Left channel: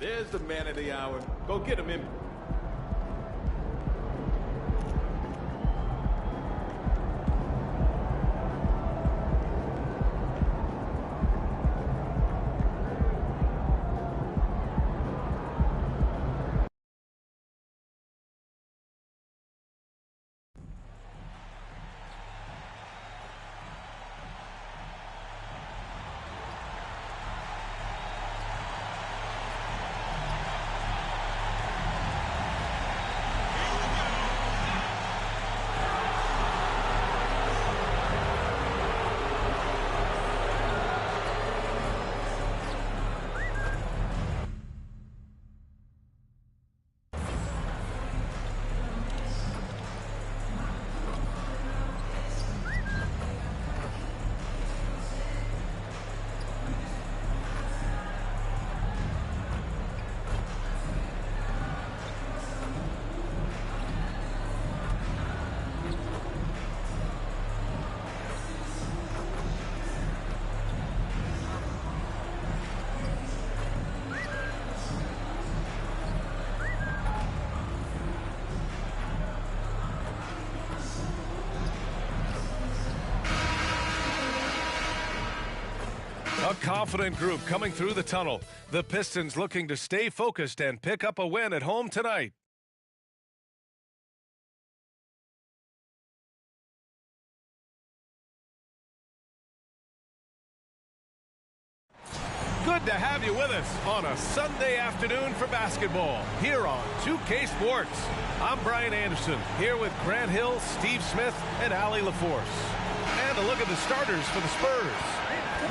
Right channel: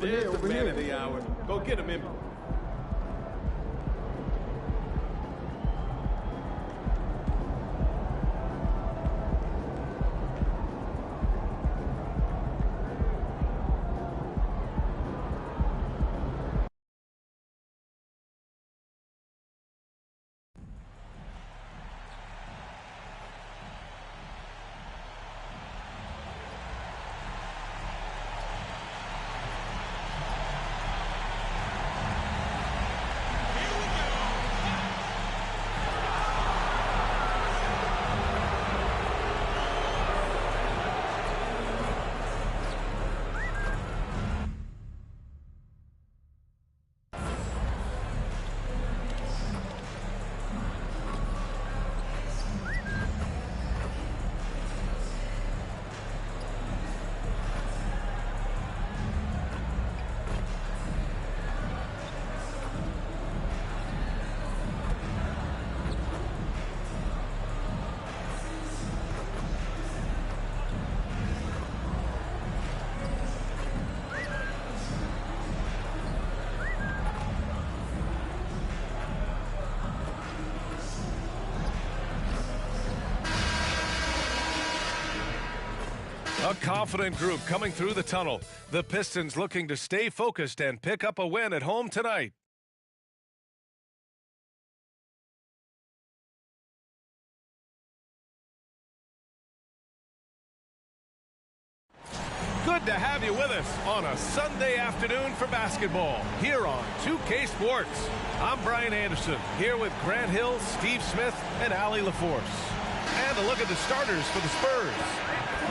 There's the man of the hour. Go get him in. A confident group coming through the tunnel. The Pistons looking to stay focused and pick up a win at home tonight. Good to have you with us on a Sunday afternoon for basketball here on 2K Sports. I'm Brian Anderson here with Grant Hill, Steve Smith, and Ali LaForce. And a look at the starters for the Spurs.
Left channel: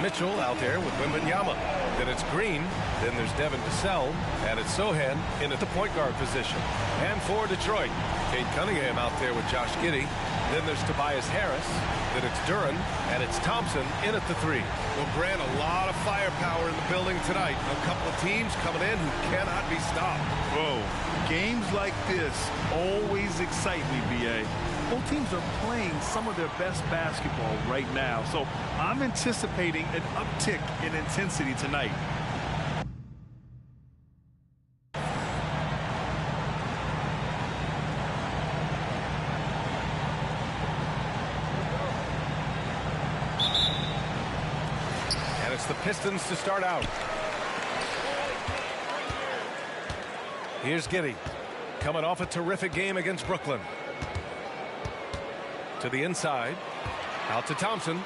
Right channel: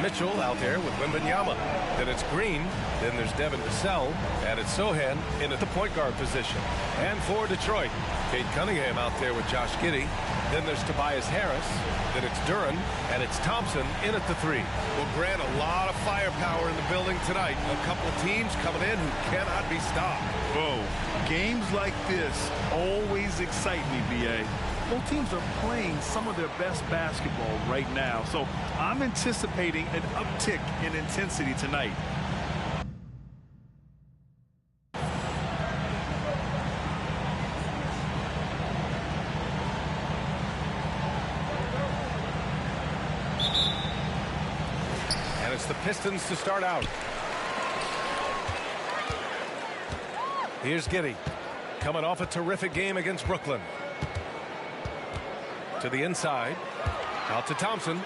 Mitchell out there with Wembanyama. Then it's Green. Then there's Devin Vassell. And it's Sohan in at the point guard position. And for Detroit, Cade Cunningham out there with Josh Giddey. Then there's Tobias Harris. Then it's Duren. And it's Thompson in at the 3. Well, Grant, a lot of firepower in the building tonight. A couple of teams coming in who cannot be stopped. Whoa. Games like this always excite me, B.A. Both teams are playing some of their best basketball right now, so I'm anticipating an uptick in intensity tonight. And it's the Pistons to start out. Here's Giddey, coming off a terrific game against Brooklyn. To the inside, out to Thompson.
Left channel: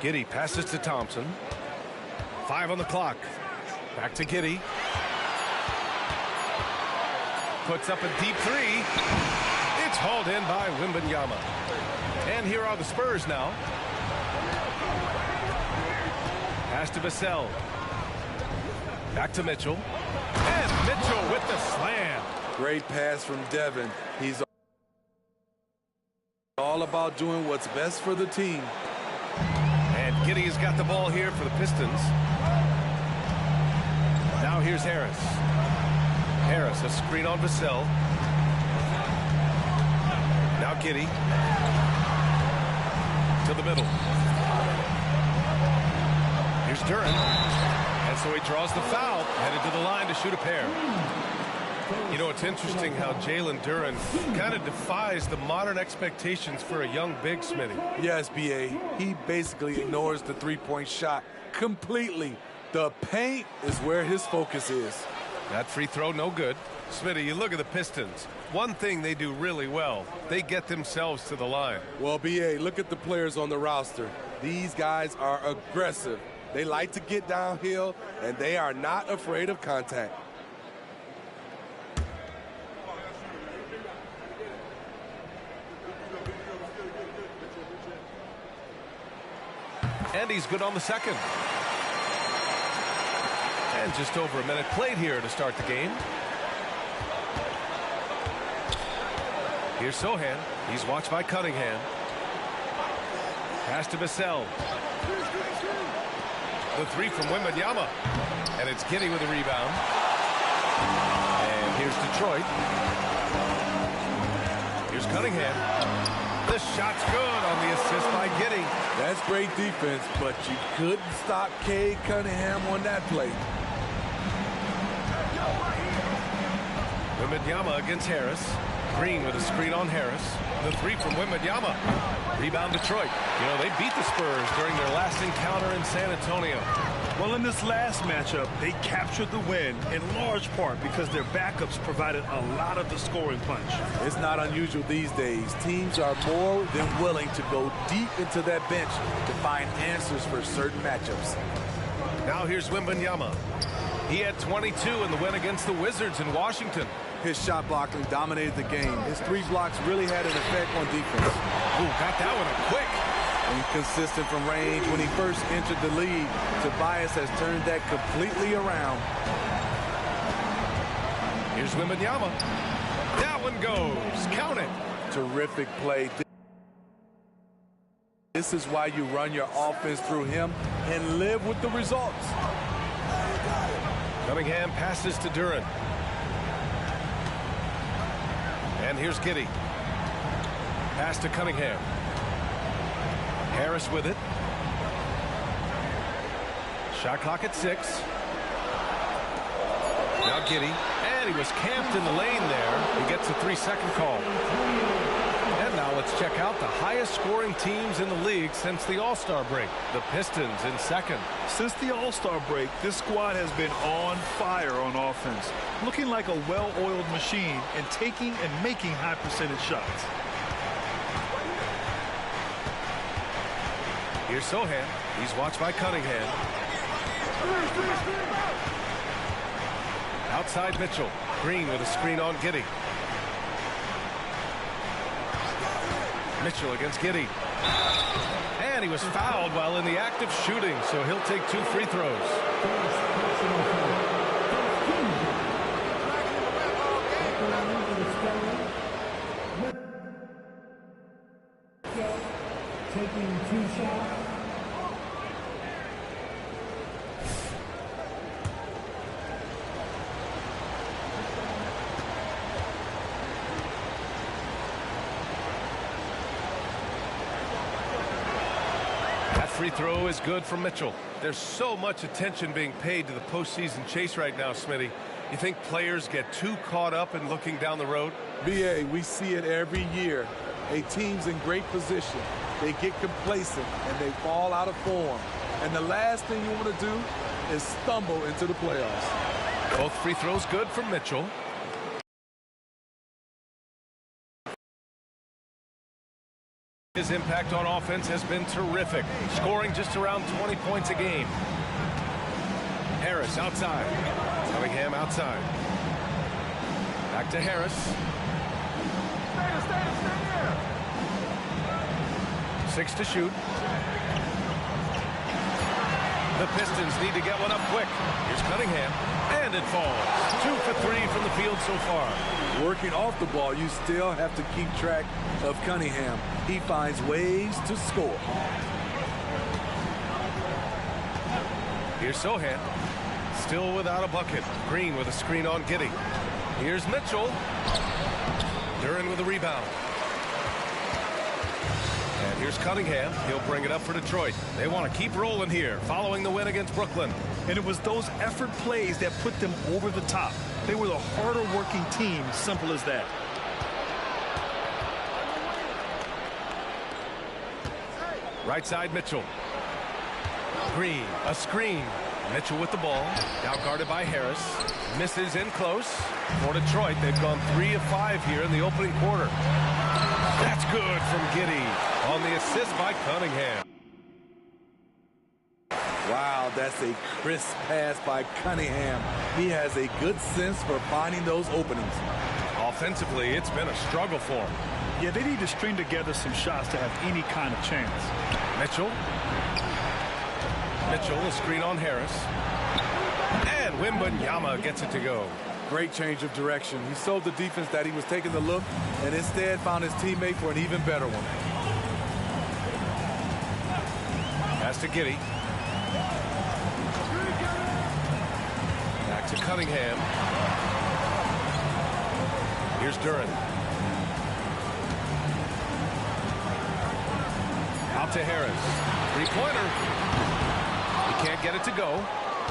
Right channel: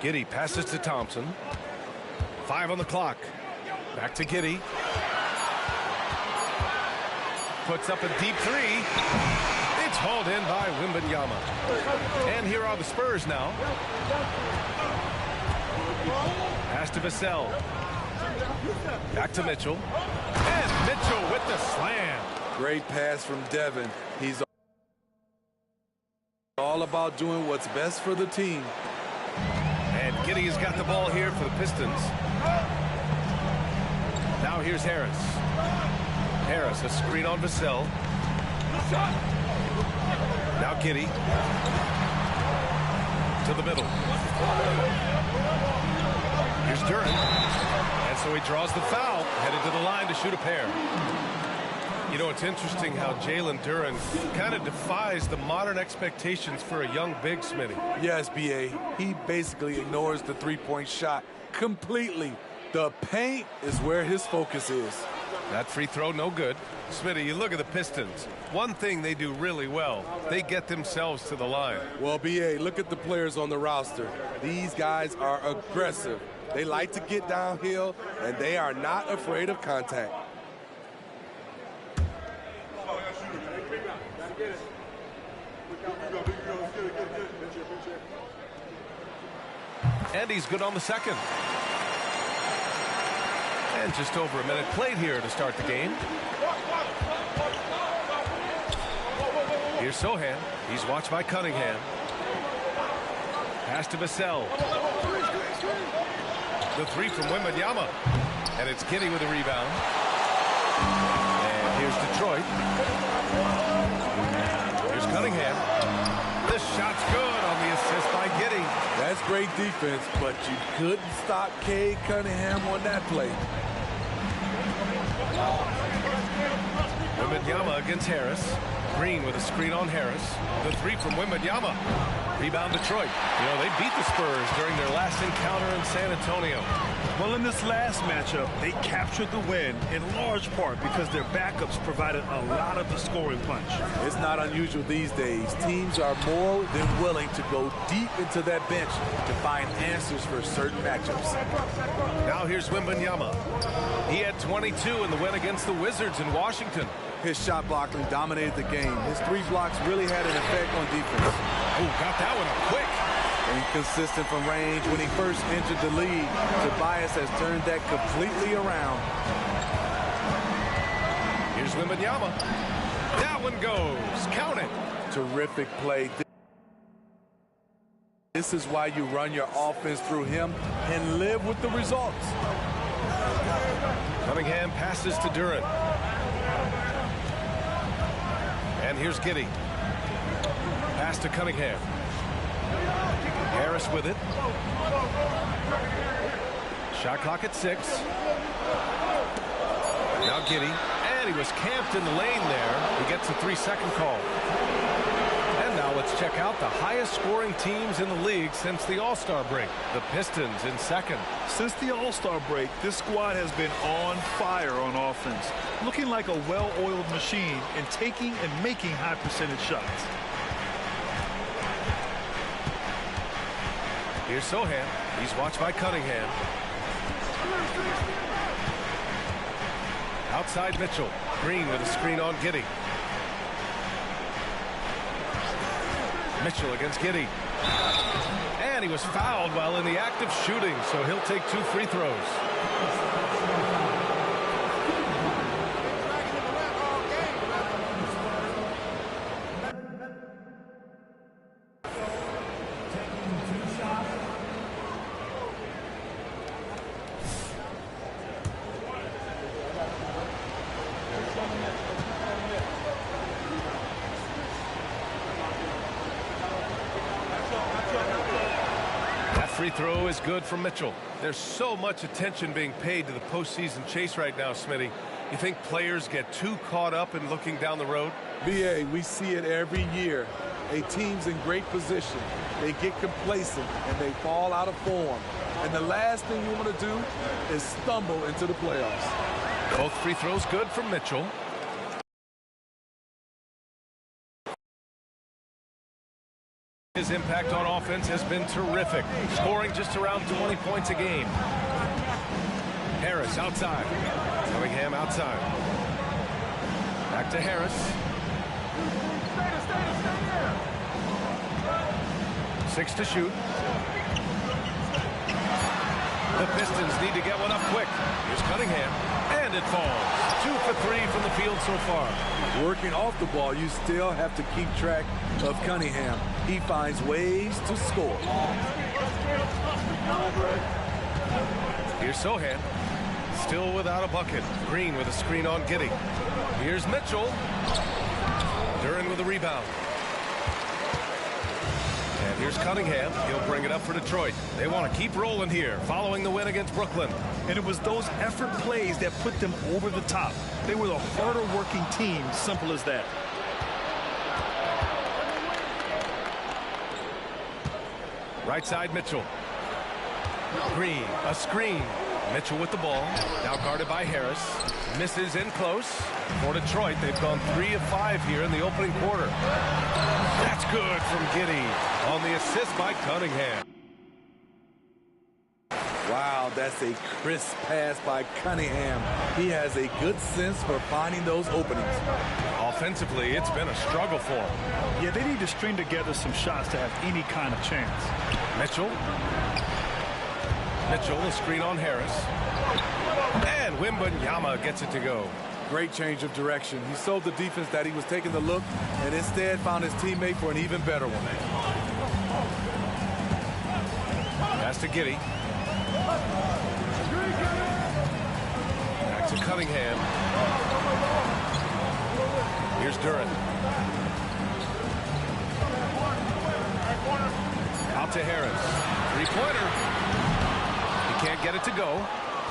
Giddey passes to Thompson. 5 on the clock. Back to Giddey. Puts up a deep 3. It's hauled in by Wembanyama. And here are the Spurs now. Pass to Vassell. Back to Mitchell. And Mitchell with the slam. Great pass from Devin. He's all about doing what's best for the team. And Giddey has got the ball here for the Pistons. Now here's Harris. Harris, a screen on Vassell. Now Giddey. To the middle. Here's Duren. And so he draws the foul, headed to the line to shoot a pair. You know, it's interesting how Jalen Duren kind of defies the modern expectations for a young big, Smitty. Yes, B.A. He basically ignores the three-point shot completely. The paint is where his focus is. That free throw, no good. Smitty, you look at the Pistons. One thing they do really well, they get themselves to the line. Well, B.A., look at the players on the roster. These guys are aggressive. They like to get downhill, and they are not afraid of contact. And he's good on the second. And just over a minute played here to start the game. Here's Sohan. He's watched by Cunningham. Pass to Vassell. The 3 from Wembanyama. And it's Giddey with a rebound. And here's Detroit. Here's Cunningham. The shot's good on the assist by Giddey. That's great defense, but you couldn't stop Cade Cunningham on that play. Wembanyama against Harris. Green with a screen on Harris. The three from Wembanyama. Rebound Detroit. You know, they beat the Spurs during their last encounter in San Antonio. Well, in this last matchup, they captured the win in large part because their backups provided a lot of the scoring punch. It's not unusual these days. Teams are more than willing to go deep into that bench to find answers for certain matchups. Now here's Wembanyama. He had 22 in the win against the Wizards in Washington. His shot blocking dominated the game. His 3 blocks really had an effect on defense. Oh, got that one up quick. Inconsistent from range. When he first entered the league, Tobias has turned that completely around. Here's Wembanyama. That one goes. Count it. Terrific play. This is why you run your offense through him and live with the results. Cunningham passes to Duren. And here's Giddey. Pass to Cunningham. Harris with it. Shot clock at 6. Now Giddey. And he was camped in the lane there. He gets a 3-second call. And now let's check out the highest scoring teams in the league since the All-Star break. The Pistons in second. Since the All-Star break, this squad has been on fire on offense, looking like a well-oiled machine and taking and making high percentage shots. Here's Sohan. He's watched by Cunningham. Outside Mitchell. Green with a screen on Giddey. Mitchell against Giddey. And he was fouled while in the act of shooting, so he'll take 2 free throws. Taking 2 shots. That free throw is good from Mitchell. There's so much attention being paid to the postseason chase right now, Smitty. You think players get too caught up in looking down the road? BA, we see it every year. A team's in great position. They get complacent and they fall out of form. And the last thing you want to do is stumble into the playoffs. Both free throws good from Mitchell. His impact on offense has been terrific, scoring just around 20 points a game. Harris outside. Cunningham outside. Back to Harris. Stay 6 to shoot. The Pistons need to get one up quick. Here's Cunningham. And it falls. 2 for 3 from the field so far. Working off the ball, you still have to keep track of Cunningham. He finds ways to score. Here's Sohan. Still without a bucket. Green with a screen on Giddey. Here's Mitchell. Duren with a rebound. And here's Cunningham. He'll bring it up for Detroit. They want to keep rolling here following the win against Brooklyn. And it was those effort plays that put them over the top. They were the harder working team, simple as that. Right side Mitchell. Green, a screen. Mitchell with the ball. Now guarded by Harris. Misses in close. For Detroit, they've gone 3 of 5 here in the opening quarter. That's good from Giddey on the assist by Cunningham. Wow, that's a crisp pass by Cunningham. He has a good sense for finding those openings. Offensively, it's been a struggle for him. Yeah, they need to string together some shots to have any kind of chance. Mitchell. Mitchell, a screen on Harris. And Wembanyama gets it to go. Great change of direction. He sold the defense that he was taking the look and instead found his teammate for an even better one. Pass to Giddey. Back to Cunningham. Here's Duren. Out to Harris. Three-pointer. He can't get it to go.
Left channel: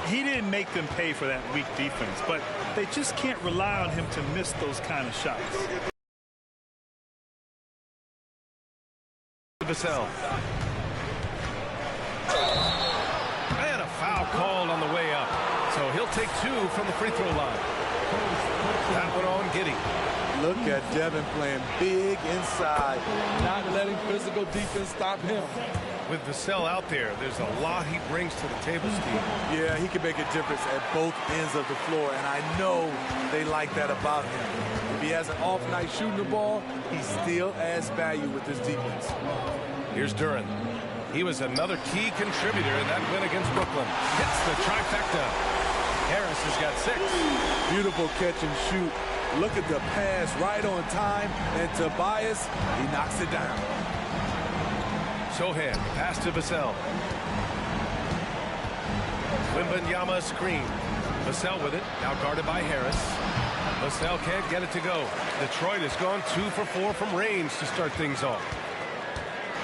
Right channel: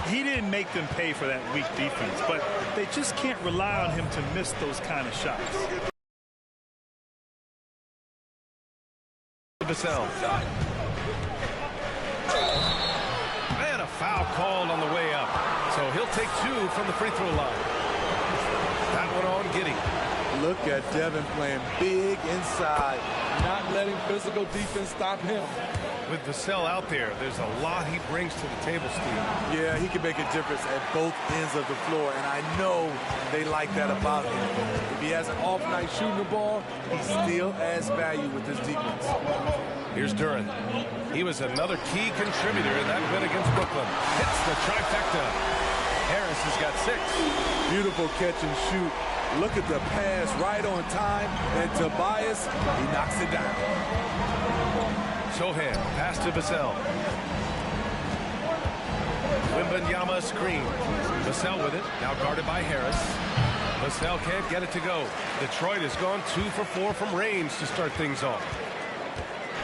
He didn't make them pay for that weak defense, but they just can't rely on him to miss those kind of shots. Vassell. And a foul called on the way up. So he'll take 2 from the free throw line. That one on Giddey. Look at Devin playing big inside, not letting physical defense stop him. With Vassell out there, there's a lot he brings to the table, Steve. Yeah, he can make a difference at both ends of the floor, and I know they like that about him. If he has an off night shooting the ball, he still adds value with his defense. Here's Dillon. He was another key contributor in that win against Brooklyn. Hits the trifecta. Harris has got 6. Beautiful catch and shoot. Look at the pass right on time, and Tobias, he knocks it down. Sohan, pass to Vassell. Wembanyama screen. Vassell with it, now guarded by Harris. Vassell can't get it to go. Detroit has gone 2 for 4 from range to start things off.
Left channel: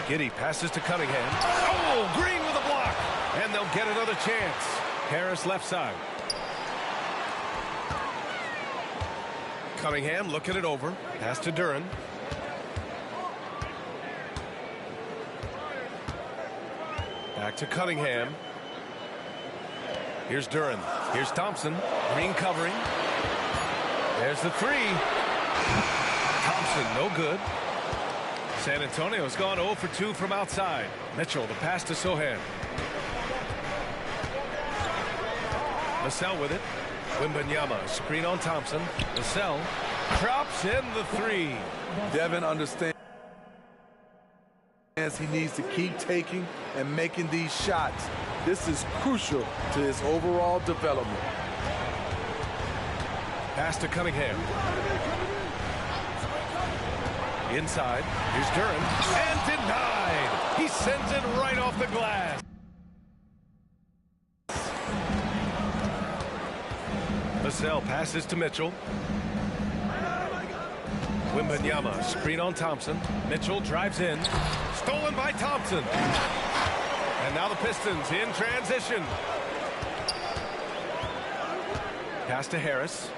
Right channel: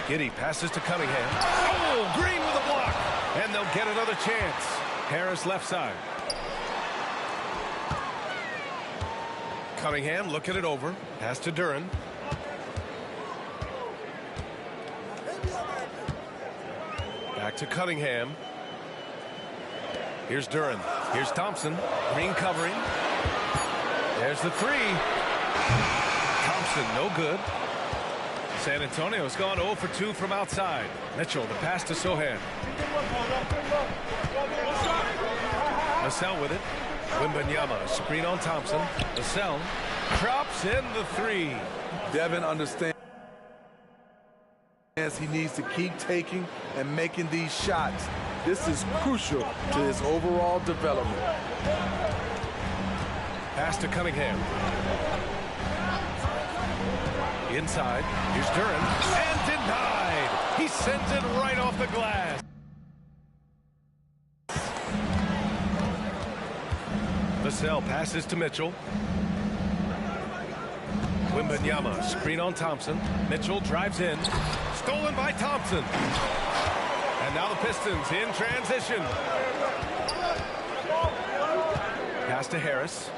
Giddey passes to Cunningham. Oh, Green with a block. And they'll get another chance. Harris left side. Cunningham looking it over. Pass to Dillon. Back to Cunningham. Here's Dillon. Here's Thompson. Green covering. There's the 3. Thompson, no good. San Antonio's gone 0 for 2 from outside. Mitchell, the pass to Sohan. Vassell with it. Wembanyama, screen on Thompson. Vassell drops in the 3. Devin understands he needs to keep taking and making these shots. This is crucial to his overall development. Pass to Cunningham. Inside. Here's Dillon. And denied. He sends it right off the glass. Vassell passes to Mitchell. Wembanyama, screen on Thompson. Mitchell drives in. Stolen by Thompson. And now the Pistons in transition. Pass to Harris.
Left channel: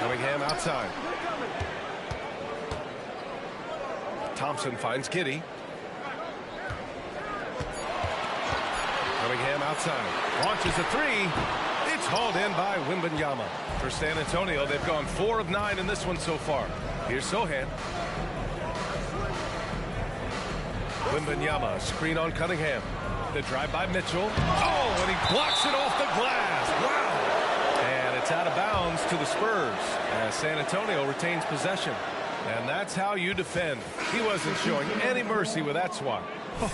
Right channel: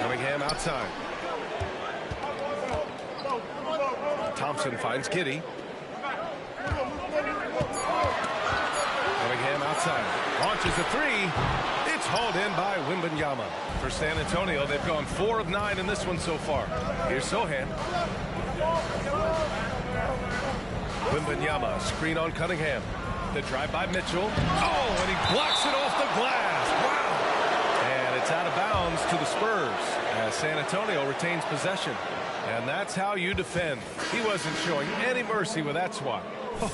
Cunningham outside. Thompson finds Giddey. Cunningham outside. Launches a 3. It's hauled in by Wembanyama. For San Antonio, they've gone 4 of 9 in this one so far. Here's Sohan. Wembanyama, screen on Cunningham. The drive by Mitchell. Oh, and he blocks it off the glass. Wow. And it's out of bounds to the Spurs as San Antonio retains possession. And that's how you defend. He wasn't showing any mercy with that swat.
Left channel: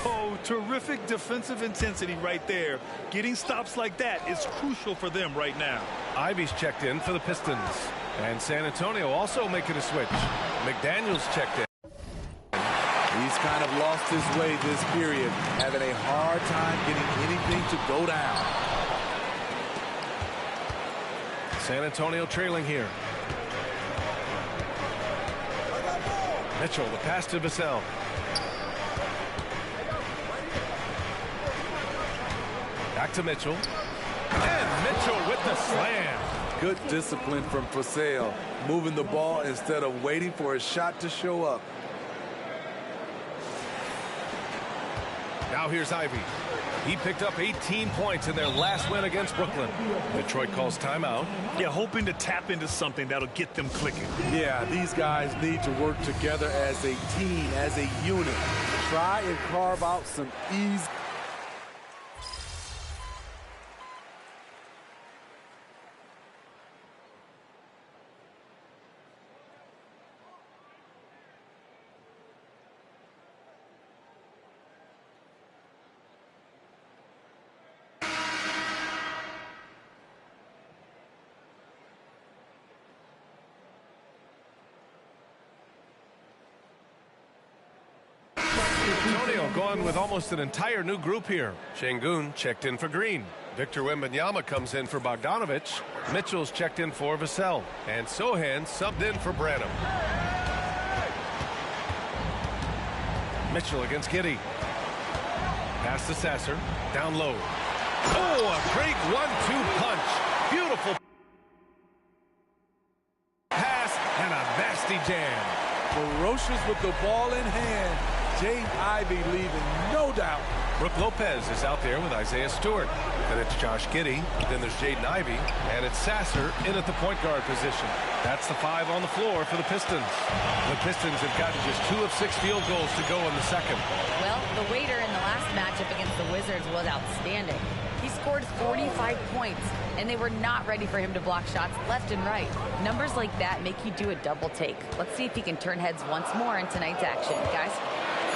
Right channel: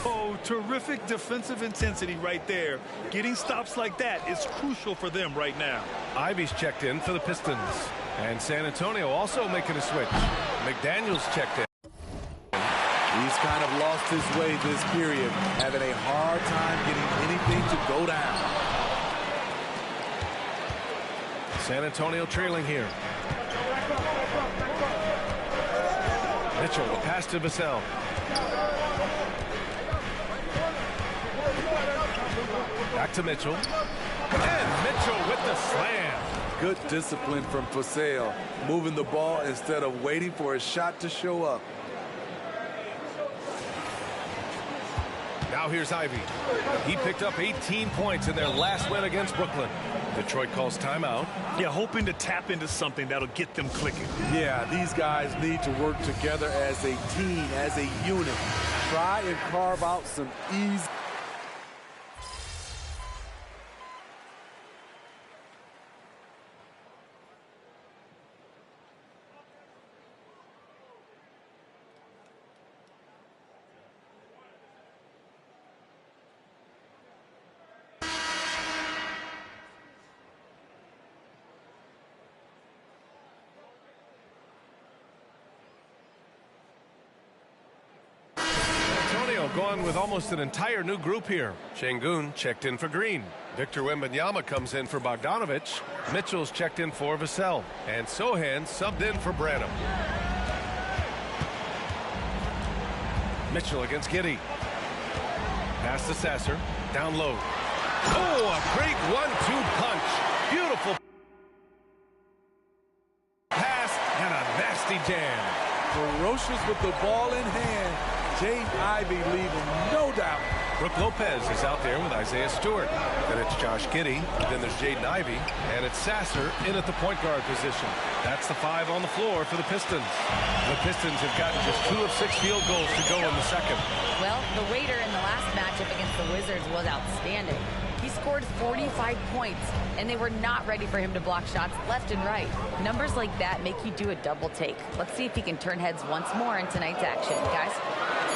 Oh, terrific defensive intensity right there. Getting stops like that is crucial for them right now. Ivy's checked in for the Pistons. And San Antonio also making a switch. McDaniels checked in. He's kind of lost his way this period, having a hard time getting anything to go down. San Antonio trailing here. Mitchell, the pass to Vassell. Back to Mitchell. And Mitchell with the slam. Good discipline from Vassell, moving the ball instead of waiting for a shot to show up. Now here's Ivy. He picked up 18 points in their last win against Brooklyn. Detroit calls timeout. Yeah, hoping to tap into something that'll get them clicking. Yeah, these guys need to work together as a team, as a unit. Try and carve out some easy. Going with almost an entire new group here. Şengün checked in for Green. Victor Wembanyama comes in for Bogdanovich. Mitchell's checked in for Vassell. And Sohan subbed in for Branham. Mitchell against Giddey. Pass to Sasser. Down low. Oh, a great 1-2 punch. Beautiful pass and a nasty jam. Ferocious with the ball in hand. Jaden Ivey leaving no doubt. Brook Lopez is out there with Isaiah Stewart. Then it's Josh Giddey. Then there's Jaden Ivey. And it's Sasser in at the point guard position. That's the 5 on the floor for the Pistons. The Pistons have gotten just 2 of 6 field goals to go in the second. Well, the waiter in the last matchup against the Wizards was outstanding. He scored 45 points, and they were not ready for him to block shots left and right. Numbers like that make you do a double take. Let's see if he can turn heads once more in tonight's action, guys.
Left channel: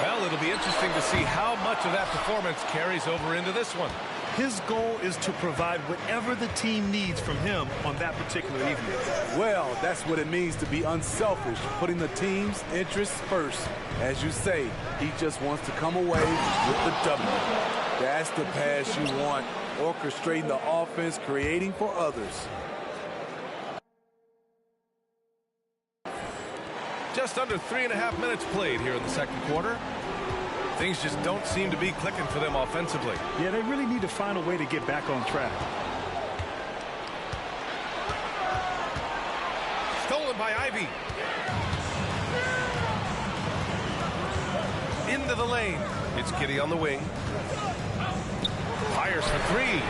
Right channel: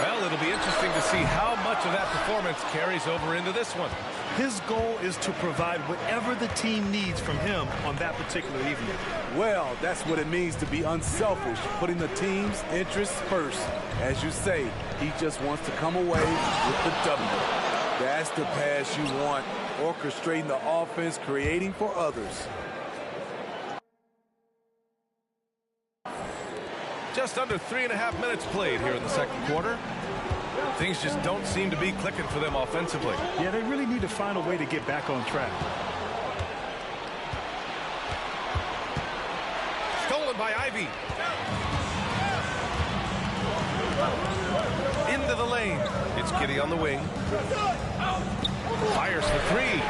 Well, it'll be interesting to see how much of that performance carries over into this one. His goal is to provide whatever the team needs from him on that particular evening. Well, that's what it means to be unselfish, putting the team's interests first. As you say, he just wants to come away with the W. That's the pass you want, orchestrating the offense, creating for others. Just under 3.5 minutes played here in the second quarter. Things just don't seem to be clicking for them offensively. Yeah, they really need to find a way to get back on track. Stolen by Ivey. Into the lane. It's Giddey on the wing. Fires for 3.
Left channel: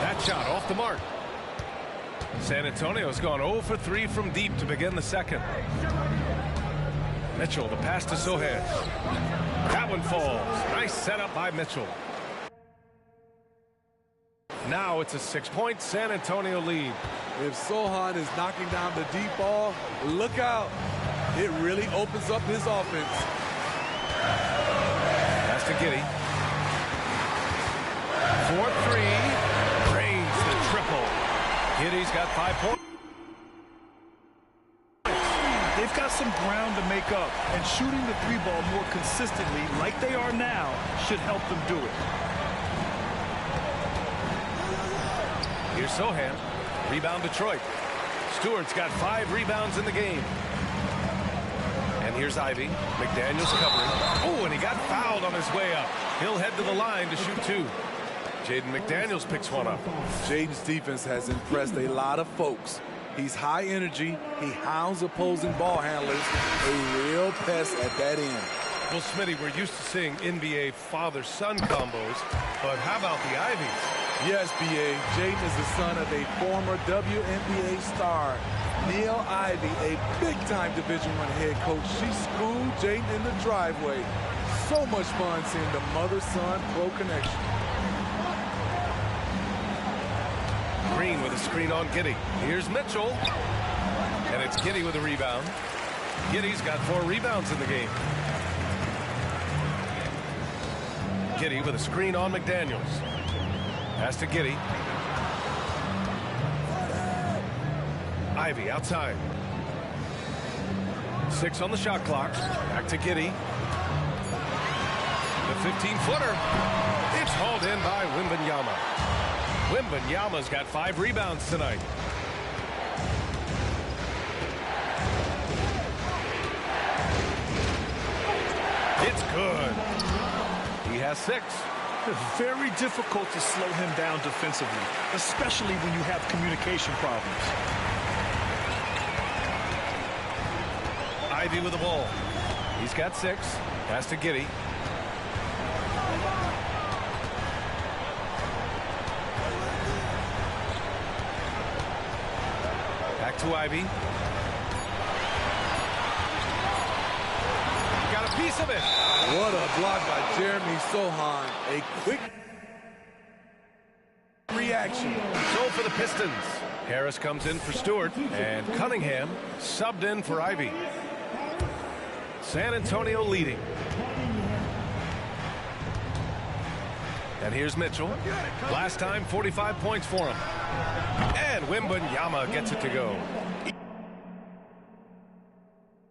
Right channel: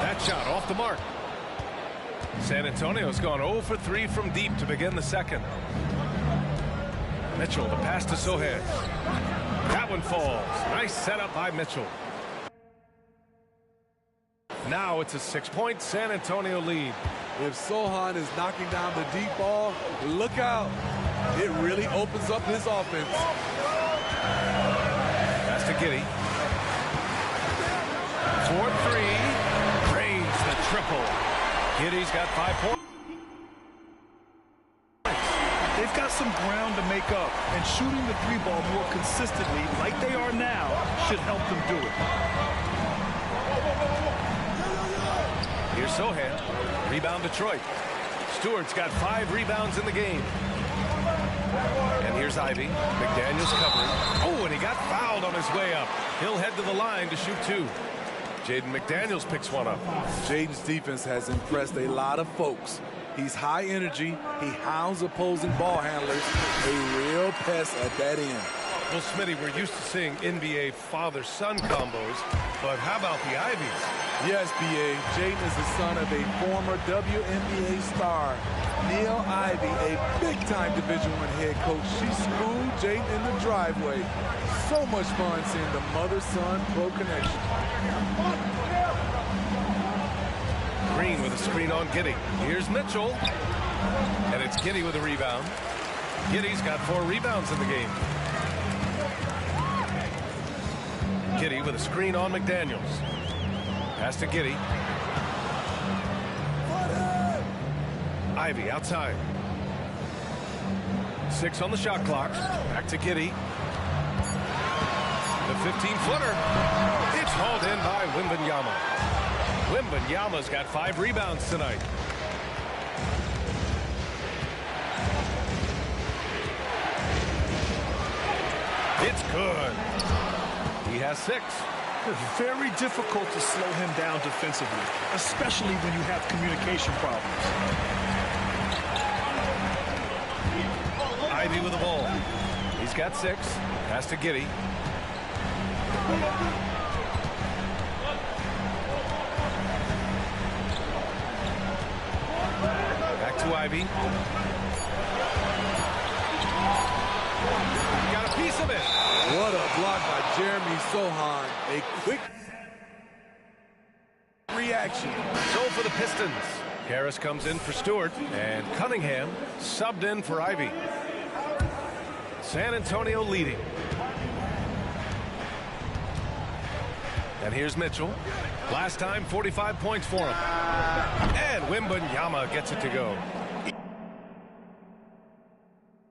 That shot off the mark. San Antonio's gone 0 for 3 from deep to begin the second. Mitchell, the pass to Sohan. That one falls. Nice setup by Mitchell. Now it's a 6-point San Antonio lead. If Sohan is knocking down the deep ball, look out. It really opens up his offense. Pass to Giddey. 4-3. Drains the triple. Giddey's got 5 points. They've got some ground to make up, and shooting the 3-ball more consistently like they are now should help them do it. Here's Sohan. Rebound Detroit. Stewart's got 5 rebounds in the game. And here's Ivey. McDaniels covering. Oh, and he got fouled on his way up. He'll head to the line to shoot 2. Jaden McDaniels picks one up. Jaden's defense has impressed a lot of folks. He's high energy. He hounds opposing ball handlers. A real pest at that end. Well, Smitty, we're used to seeing NBA father-son combos, but how about the Ivies? Yes, B.A. Jaden is the son of a former WNBA star, Neil Ivey, a big-time Division I head coach. She schooled Jaden in the driveway. So much fun seeing the mother-son pro connection. Green with a screen on Giddey. Here's Mitchell. And it's Giddey with a rebound. Giddey's got 4 rebounds in the game. Giddey with a screen on McDaniels. Pass to Giddey. Ivey outside. 6 on the shot clock. Back to Giddey. The 15-footer. It's hauled in by Wembanyama. Wembanyama's got 5 rebounds tonight. It's good. He has 6. It's very difficult to slow him down defensively, especially when you have communication problems. Ivey with the ball. He's got 6. Pass to Giddey. Back to Ivey. Got a piece of it. What a block by Jeremy Sohan. A quick reaction. So for the Pistons, Harris comes in for Stewart, and Cunningham subbed in for Ivey. San Antonio leading. And here's Mitchell. Last time, 45 points for him. And Wembanyama gets it to go.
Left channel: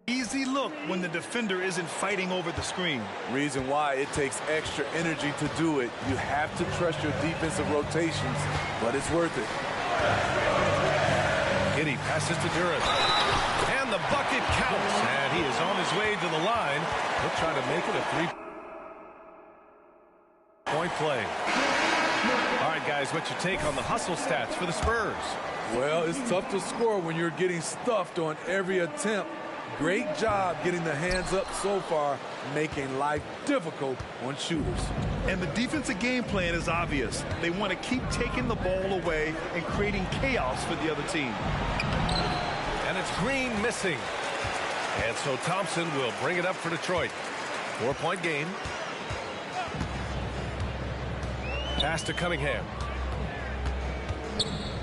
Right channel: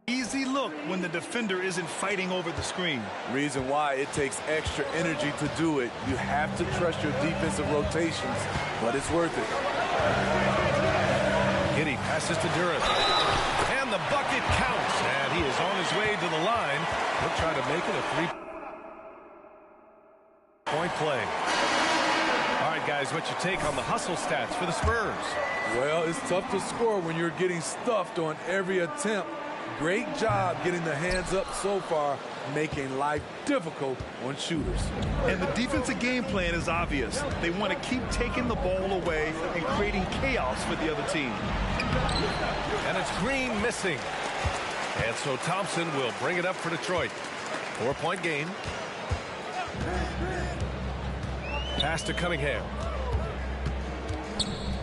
Easy look when the defender isn't fighting over the screen. Reason why it takes extra energy to do it. You have to trust your defensive rotations, but it's worth it. Giddey passes to Durant. And the bucket counts, and he is on his way to the line. He'll try to make it a 3-point play. All right, guys, what's your take on the hustle stats for the Spurs? Well, it's tough to score when you're getting stuffed on every attempt. Great job getting the hands up so far, making life difficult on shooters. And the defensive game plan is obvious. They want to keep taking the ball away and creating chaos for the other team. And it's Green missing. And so Thompson will bring it up for Detroit. 4-point game. Pass to Cunningham.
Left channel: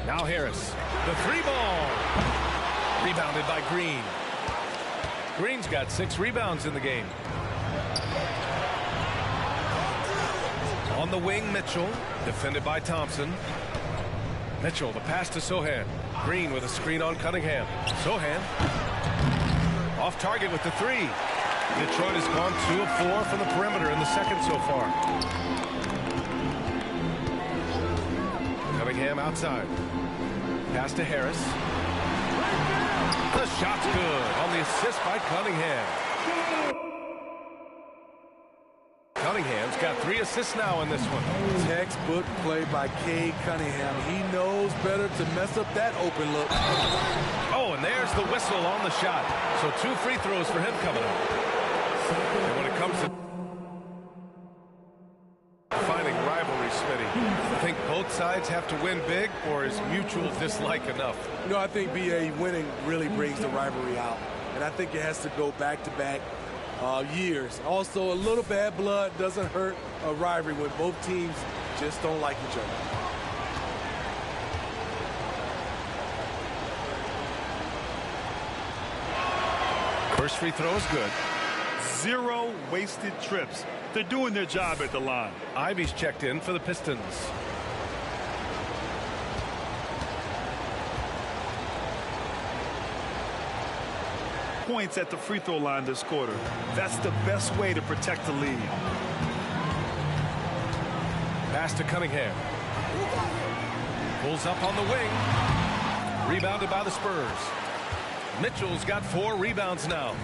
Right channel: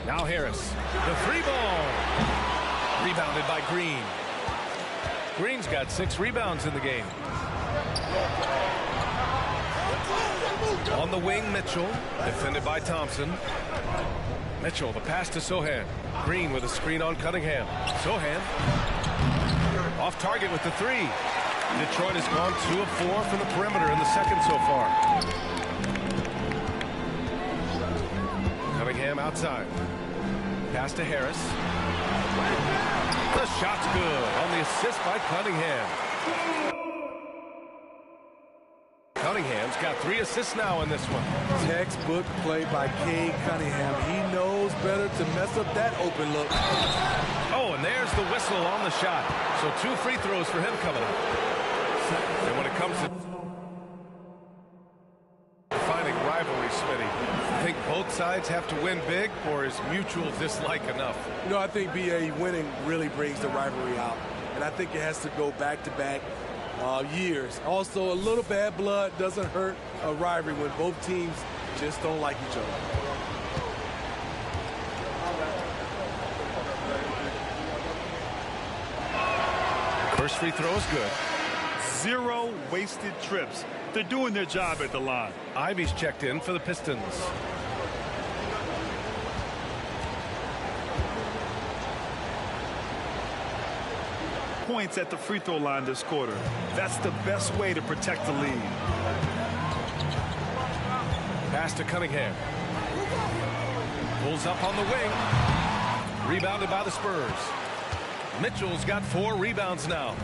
Now Harris. The 3-ball. Rebounded by Green. Green's got 6 rebounds in the game. On the wing, Mitchell. Defended by Thompson. Mitchell, the pass to Sohan. Green with a screen on Cunningham. Sohan. Off target with the 3. Detroit has gone 2 of 4 from the perimeter in the second so far. Cunningham outside. Pass to Harris. The shot's good on the assist by Cunningham. Cunningham's got 3 assists now in this one. Textbook play by Cade Cunningham. He knows better to mess up that open look. Oh, and there's the whistle on the shot. So 2 free throws for him coming up. And when it comes to defining rivalry, Smitty, you think both sides have to win big, or is mutual dislike enough? You know, I think BA winning really brings the rivalry out. And I think it has to go back-to-back years. Also, a little bad blood doesn't hurt a rivalry when both teams just don't like each other. First free throw is good. 0 wasted trips. They're doing their job at the line. Ivy's checked in for the Pistons. Points at the free throw line this quarter. That's the best way to protect the lead. Pass to Cunningham. Pulls up on the wing. Rebounded by the Spurs. Mitchell's got 4 rebounds now.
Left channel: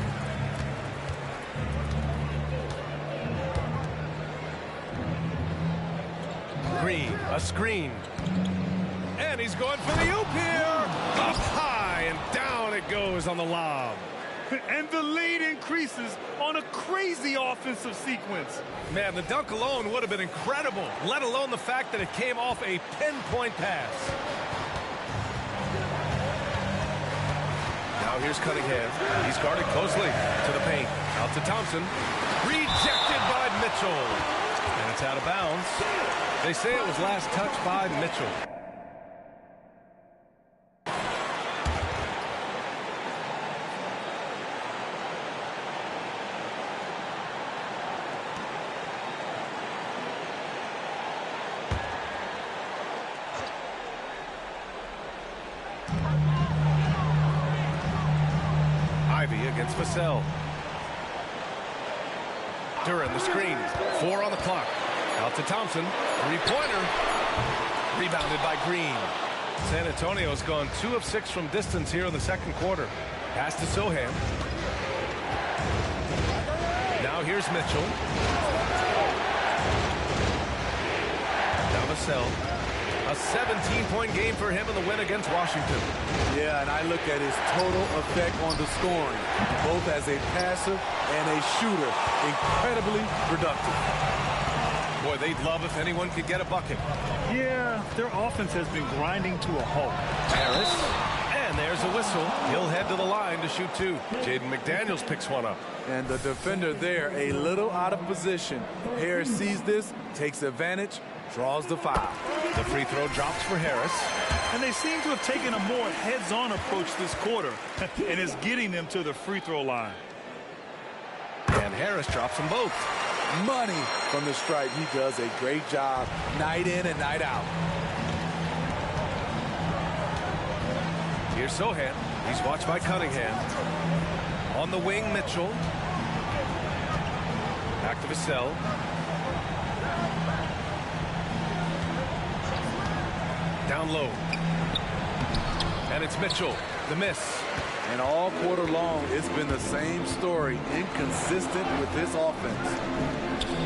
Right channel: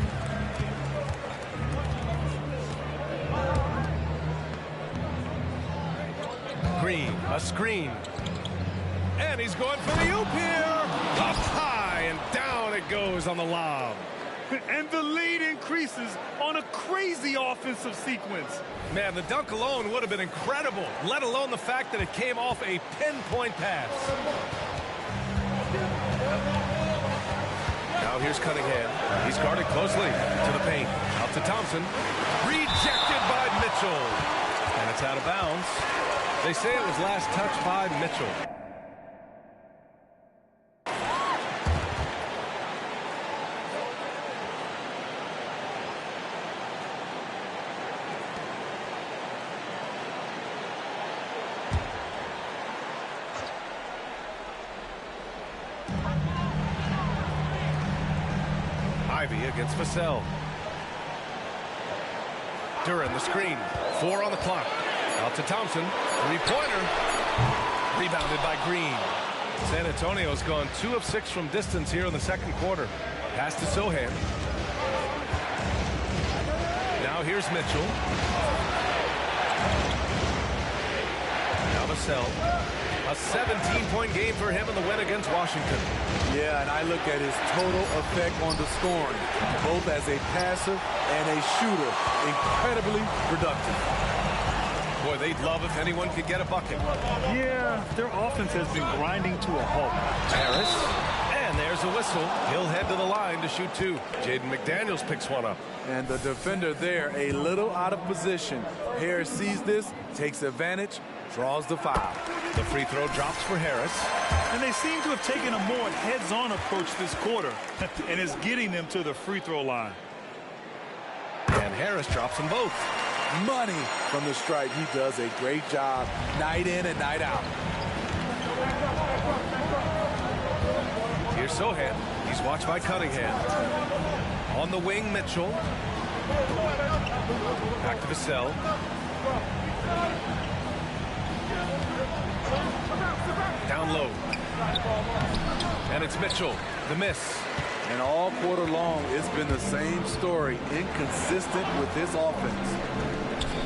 Green, a screen. And he's going for the oop here. Up high and down it goes on the lob. And the lead increases on a crazy offensive sequence. Man, the dunk alone would have been incredible, let alone the fact that it came off a pinpoint pass. Now here's Cunningham. He's guarded closely to the paint. Out to Thompson. Rejected by Mitchell. And it's out of bounds. They say it was last touched by Mitchell. Ivy against Vassell. Dillon the screen. 4 on the clock. Out to Thompson. 3-pointer. Rebounded by Green. San Antonio's gone 2 of 6 from distance here in the second quarter. Pass to Sohan. Now here's Mitchell. Now Vassell. A 17-point game for him in the win against Washington. Yeah, and I look at his total effect on the scoring, both as a passer and a shooter. Incredibly productive. Boy, they'd love if anyone could get a bucket. Yeah, their offense has been grinding to a halt. Harris. And there's a whistle. He'll head to the line to shoot 2. Jaden McDaniels picks one up. And the defender there a little out of position. Harris sees this, takes advantage, draws the foul. The free throw drops for Harris. And they seem to have taken a more heads-on approach this quarter. And it's getting them to the free throw line. And Harris drops them both. Money from the stripe. He does a great job night in and night out. Here's Sohan. He's watched by Cunningham. On the wing, Mitchell. Back to Vassell. Down low. And it's Mitchell. The miss. And all quarter long, it's been the same story, inconsistent with his offense.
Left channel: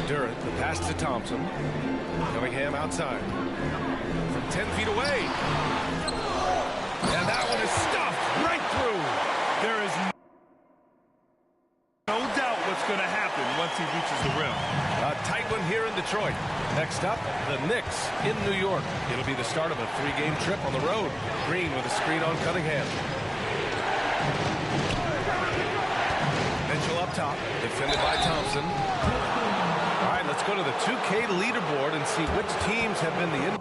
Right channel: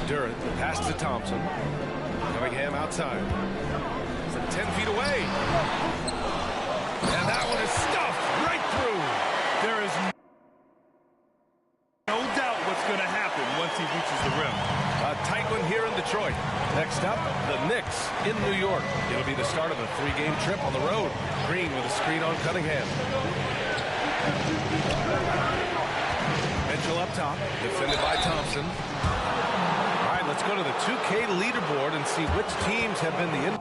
Durant, the pass to Thompson. Cunningham outside. From 10 feet away. And that one is stuffed right through. There is no doubt what's going to happen once he reaches the rim. A tight one here in Detroit. Next up, the Knicks in New York. It'll be the start of a 3-game trip on the road. Green with a screen on Cunningham. Mitchell up top, defended by Thompson. All right, let's go to the 2K leaderboard and see which teams have been the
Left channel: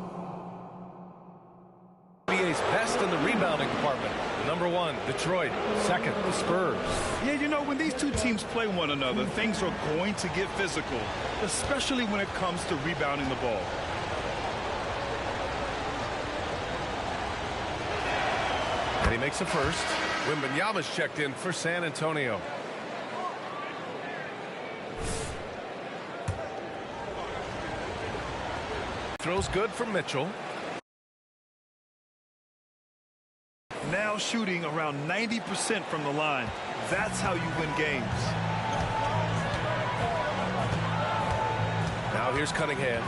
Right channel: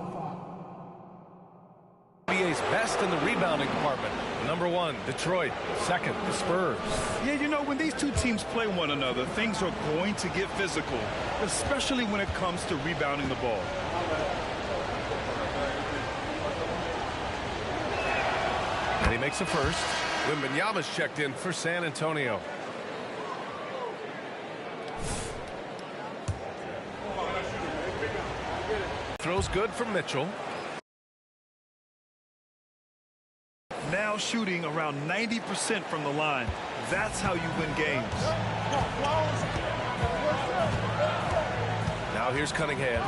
NBA's best in the rebounding department. Number 1, Detroit. Second, the Spurs. Yeah, you know, when these two teams play one another, things are going to get physical, especially when it comes to rebounding the ball. And he makes a first. Wembanyama's checked in for San Antonio. Throws good from Mitchell. Now shooting around 90% from the line. That's how you win games. Now here's Cunningham.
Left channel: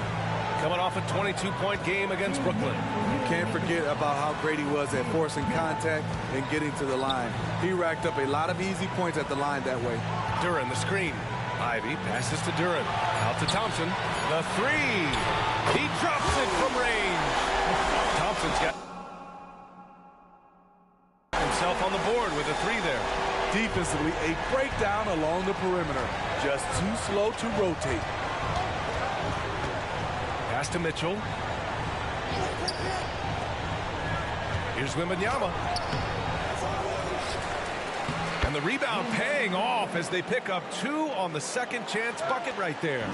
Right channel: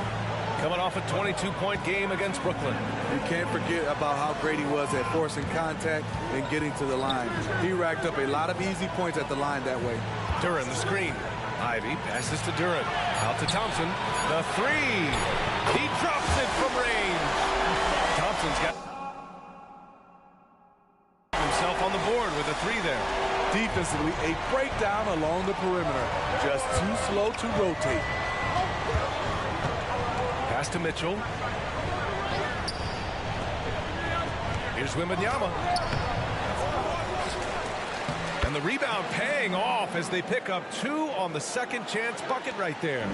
Coming off a 22-point game against Brooklyn. You can't forget about how great he was at forcing contact and getting to the line. He racked up a lot of easy points at the line that way. Duran, the screen. Ivy passes to Duran. Out to Thompson. The 3. He drops it from range. Thompson's got himself on the board with a 3 there. Defensively, a breakdown along the perimeter. Just too slow to rotate. Pass to Mitchell. Here's Wembanyama. And the rebound paying off as they pick up 2 on the second chance bucket right there.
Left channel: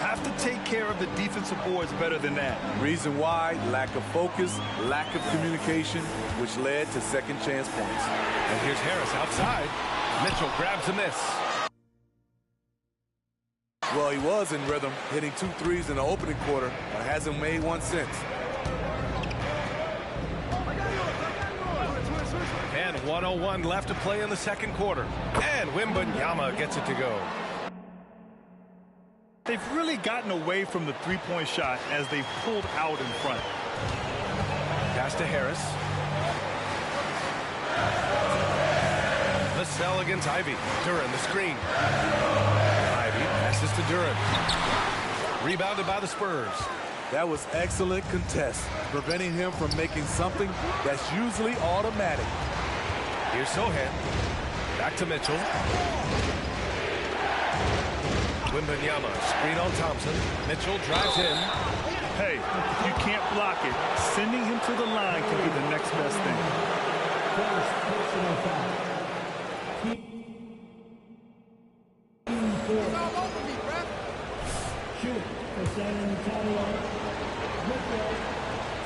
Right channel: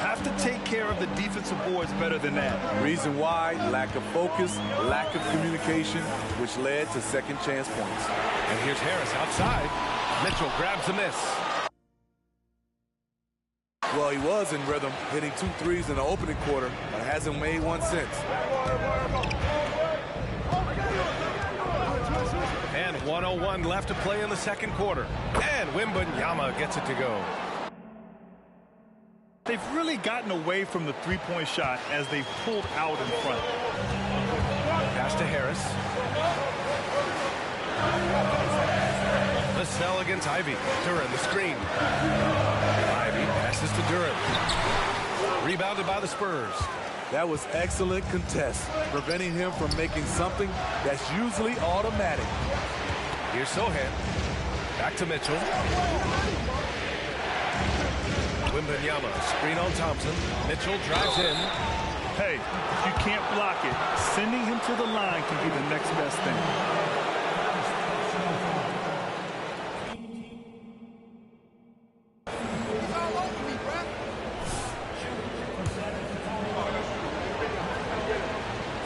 Have to take care of the defensive boards better than that. Reason why, lack of focus, lack of communication, which led to second chance points. And here's Harris outside. Mitchell grabs a miss. Well, he was in rhythm, hitting 2 threes in the opening quarter, but hasn't made one since. And 1:01 left to play in the second quarter. And Wembanyama gets it to go. They've really gotten away from the three-point shot as they've pulled out in front. Pass to Harris. Vassell against Ivy. Duran, the screen. Ivy passes to Duran. Rebounded by the Spurs. That was excellent contest, preventing him from making something that's usually automatic. Here's Sohan. Back to Mitchell. Wembanyama, screen on Thompson. Mitchell drives in. Hey, if you can't block it, sending him to the line can be the next best thing. He's all over me, bruh. Shoot for San Antonio.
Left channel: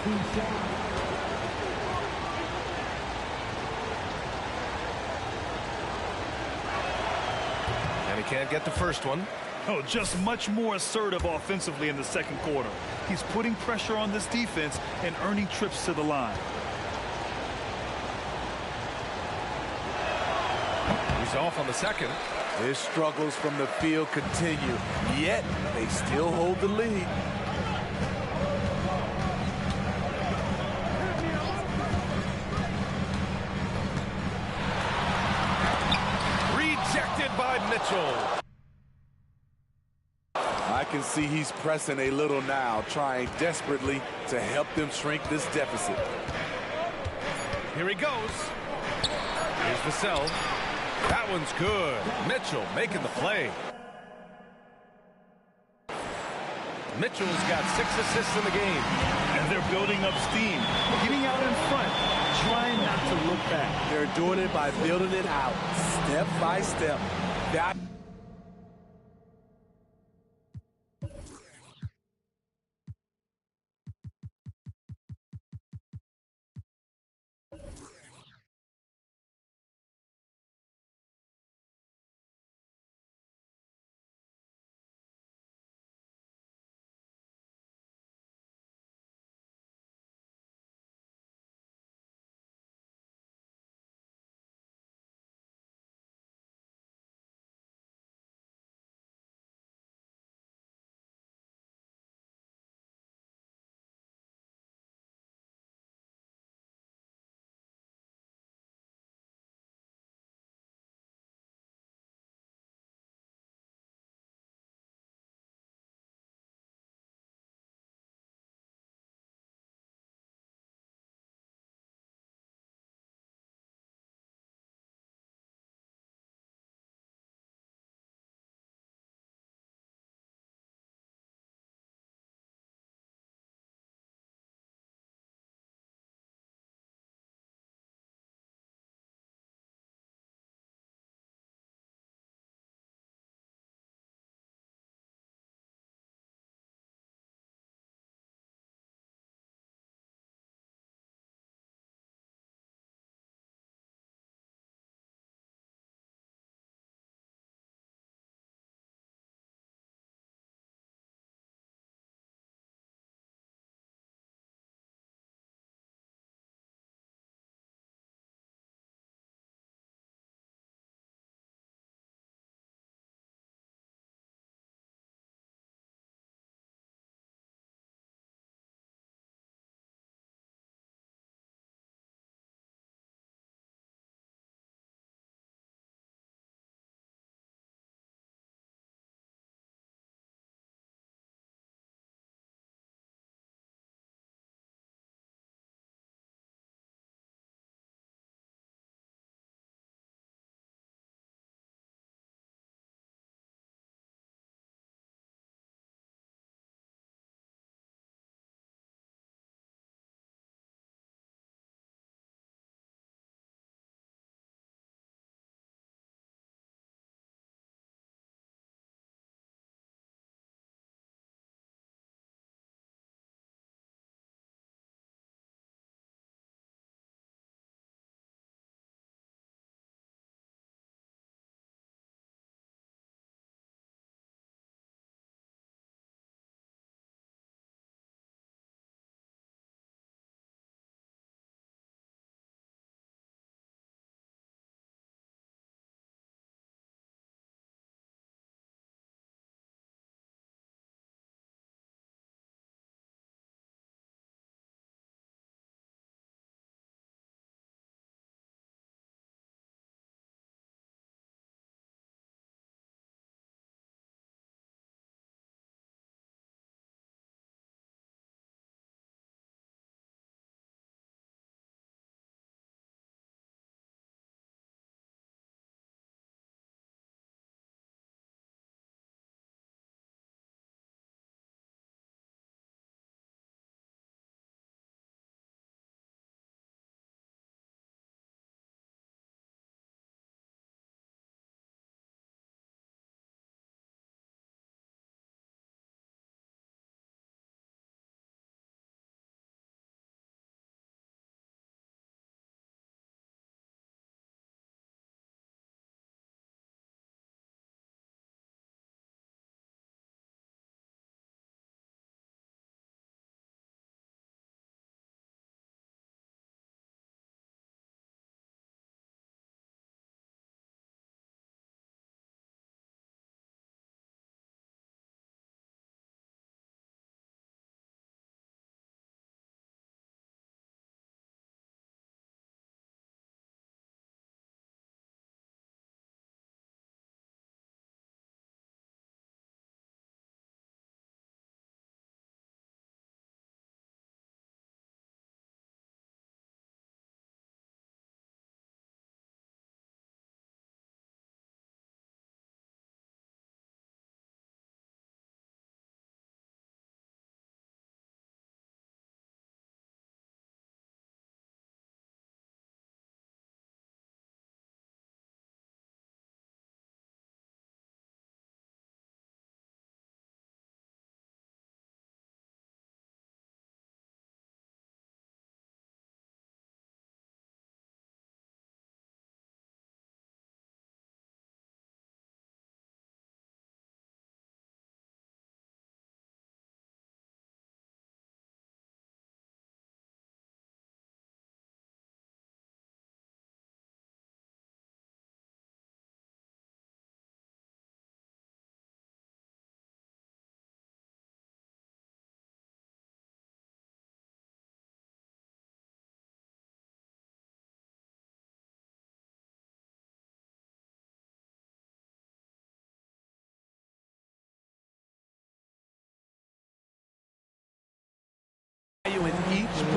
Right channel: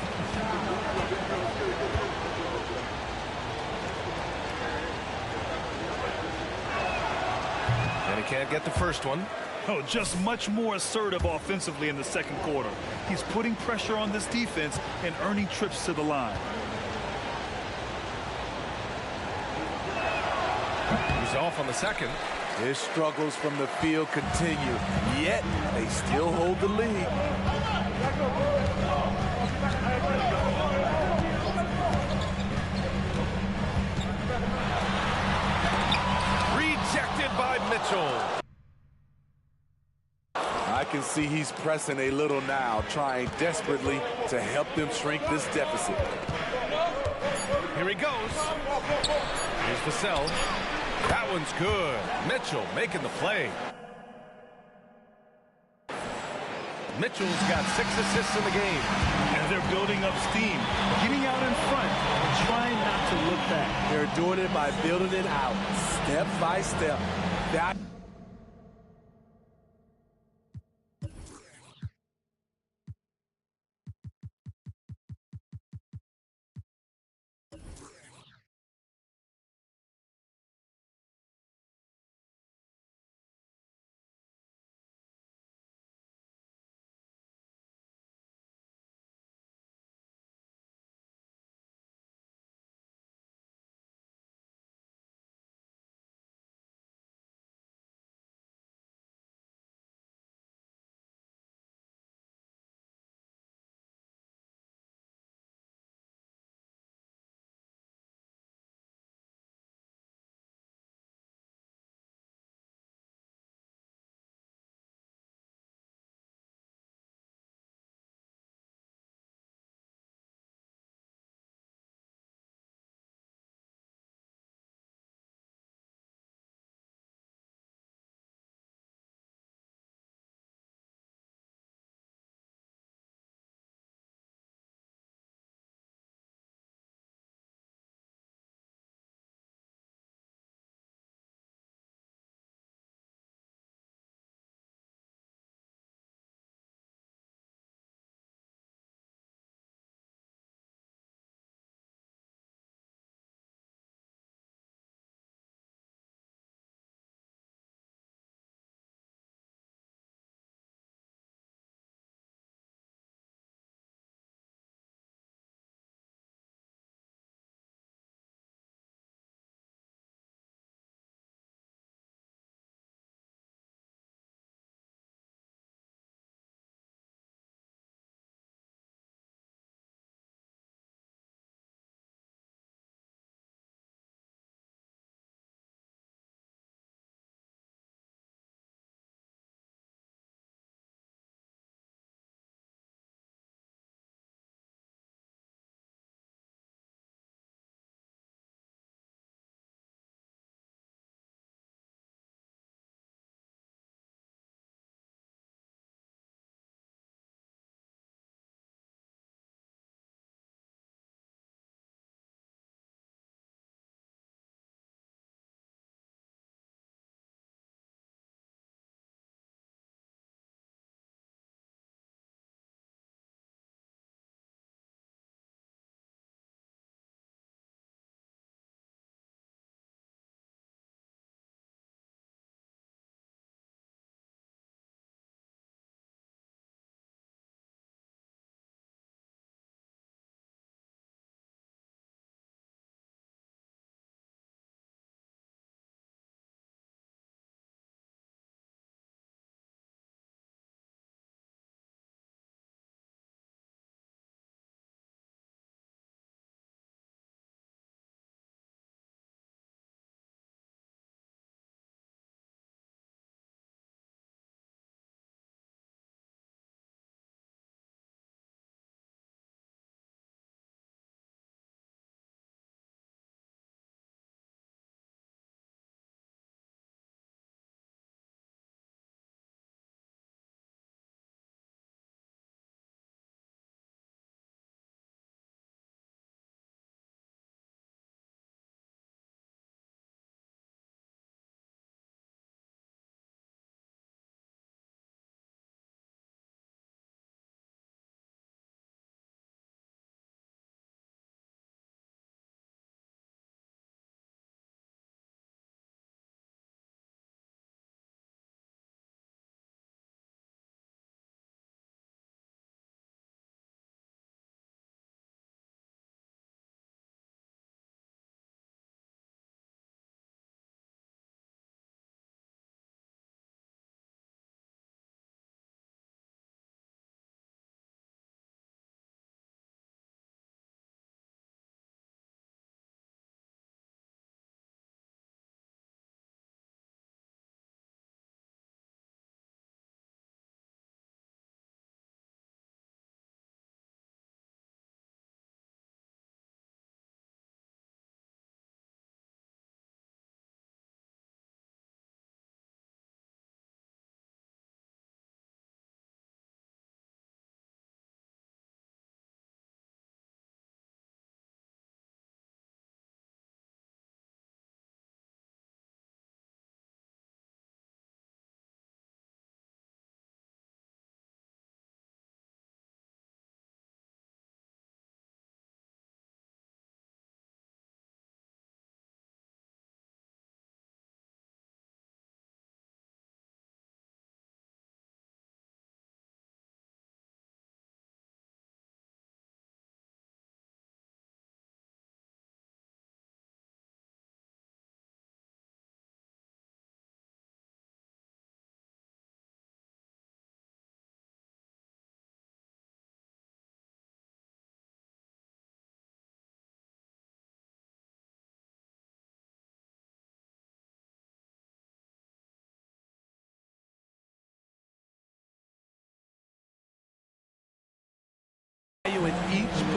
2 shots. And he can't get the first one. Oh, just much more assertive offensively in the second quarter. He's putting pressure on this defense and earning trips to the line. He's off on the second. His struggles from the field continue, yet they still hold the lead. Rejected by Mitchell. I can see he's pressing a little now, trying desperately to help them shrink this deficit. Here he goes. Here's Vassell. That one's good. Mitchell making the play. Mitchell's got 6 assists in the game. And they're building up steam, getting out in front, trying not to look back. They're doing it by building it out, step by step. That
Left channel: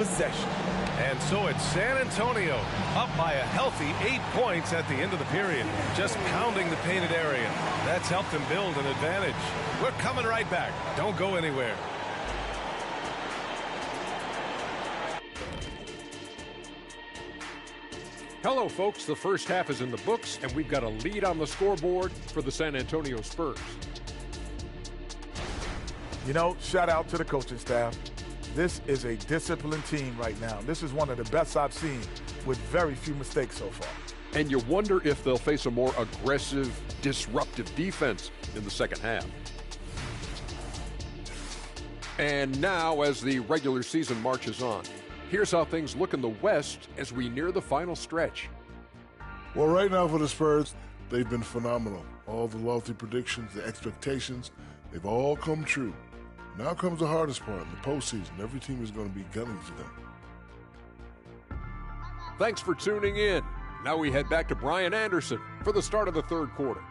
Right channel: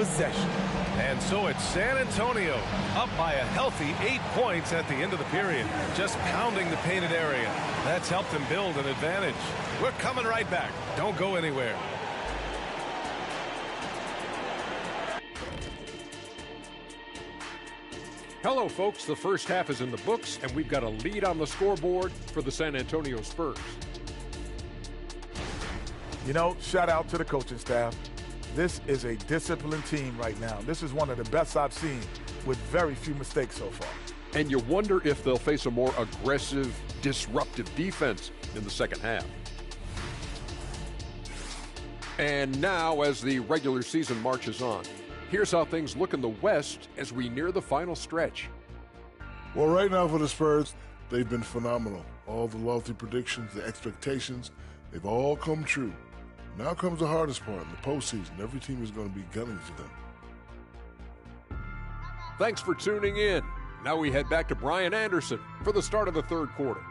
possession. And so it's San Antonio up by a healthy 8 points at the end of the period. Just pounding the painted area. That's helped them build an advantage. We're coming right back. Don't go anywhere. Hello, folks. The first half is in the books, and we've got a lead on the scoreboard for the San Antonio Spurs. You know, shout out to the coaching staff. This is a disciplined team right now. This is one of the best I've seen with very few mistakes so far. And you wonder if they'll face a more aggressive, disruptive defense in the second half. And now, as the regular season marches on, here's how things look in the West as we near the final stretch. Well, right now for the Spurs, they've been phenomenal. All the lofty predictions, the expectations, they've all come true. Now comes the hardest part, in the postseason. Every team is going to be gunning for them. Thanks for tuning in. Now we head back to Brian Anderson for the start of the third quarter.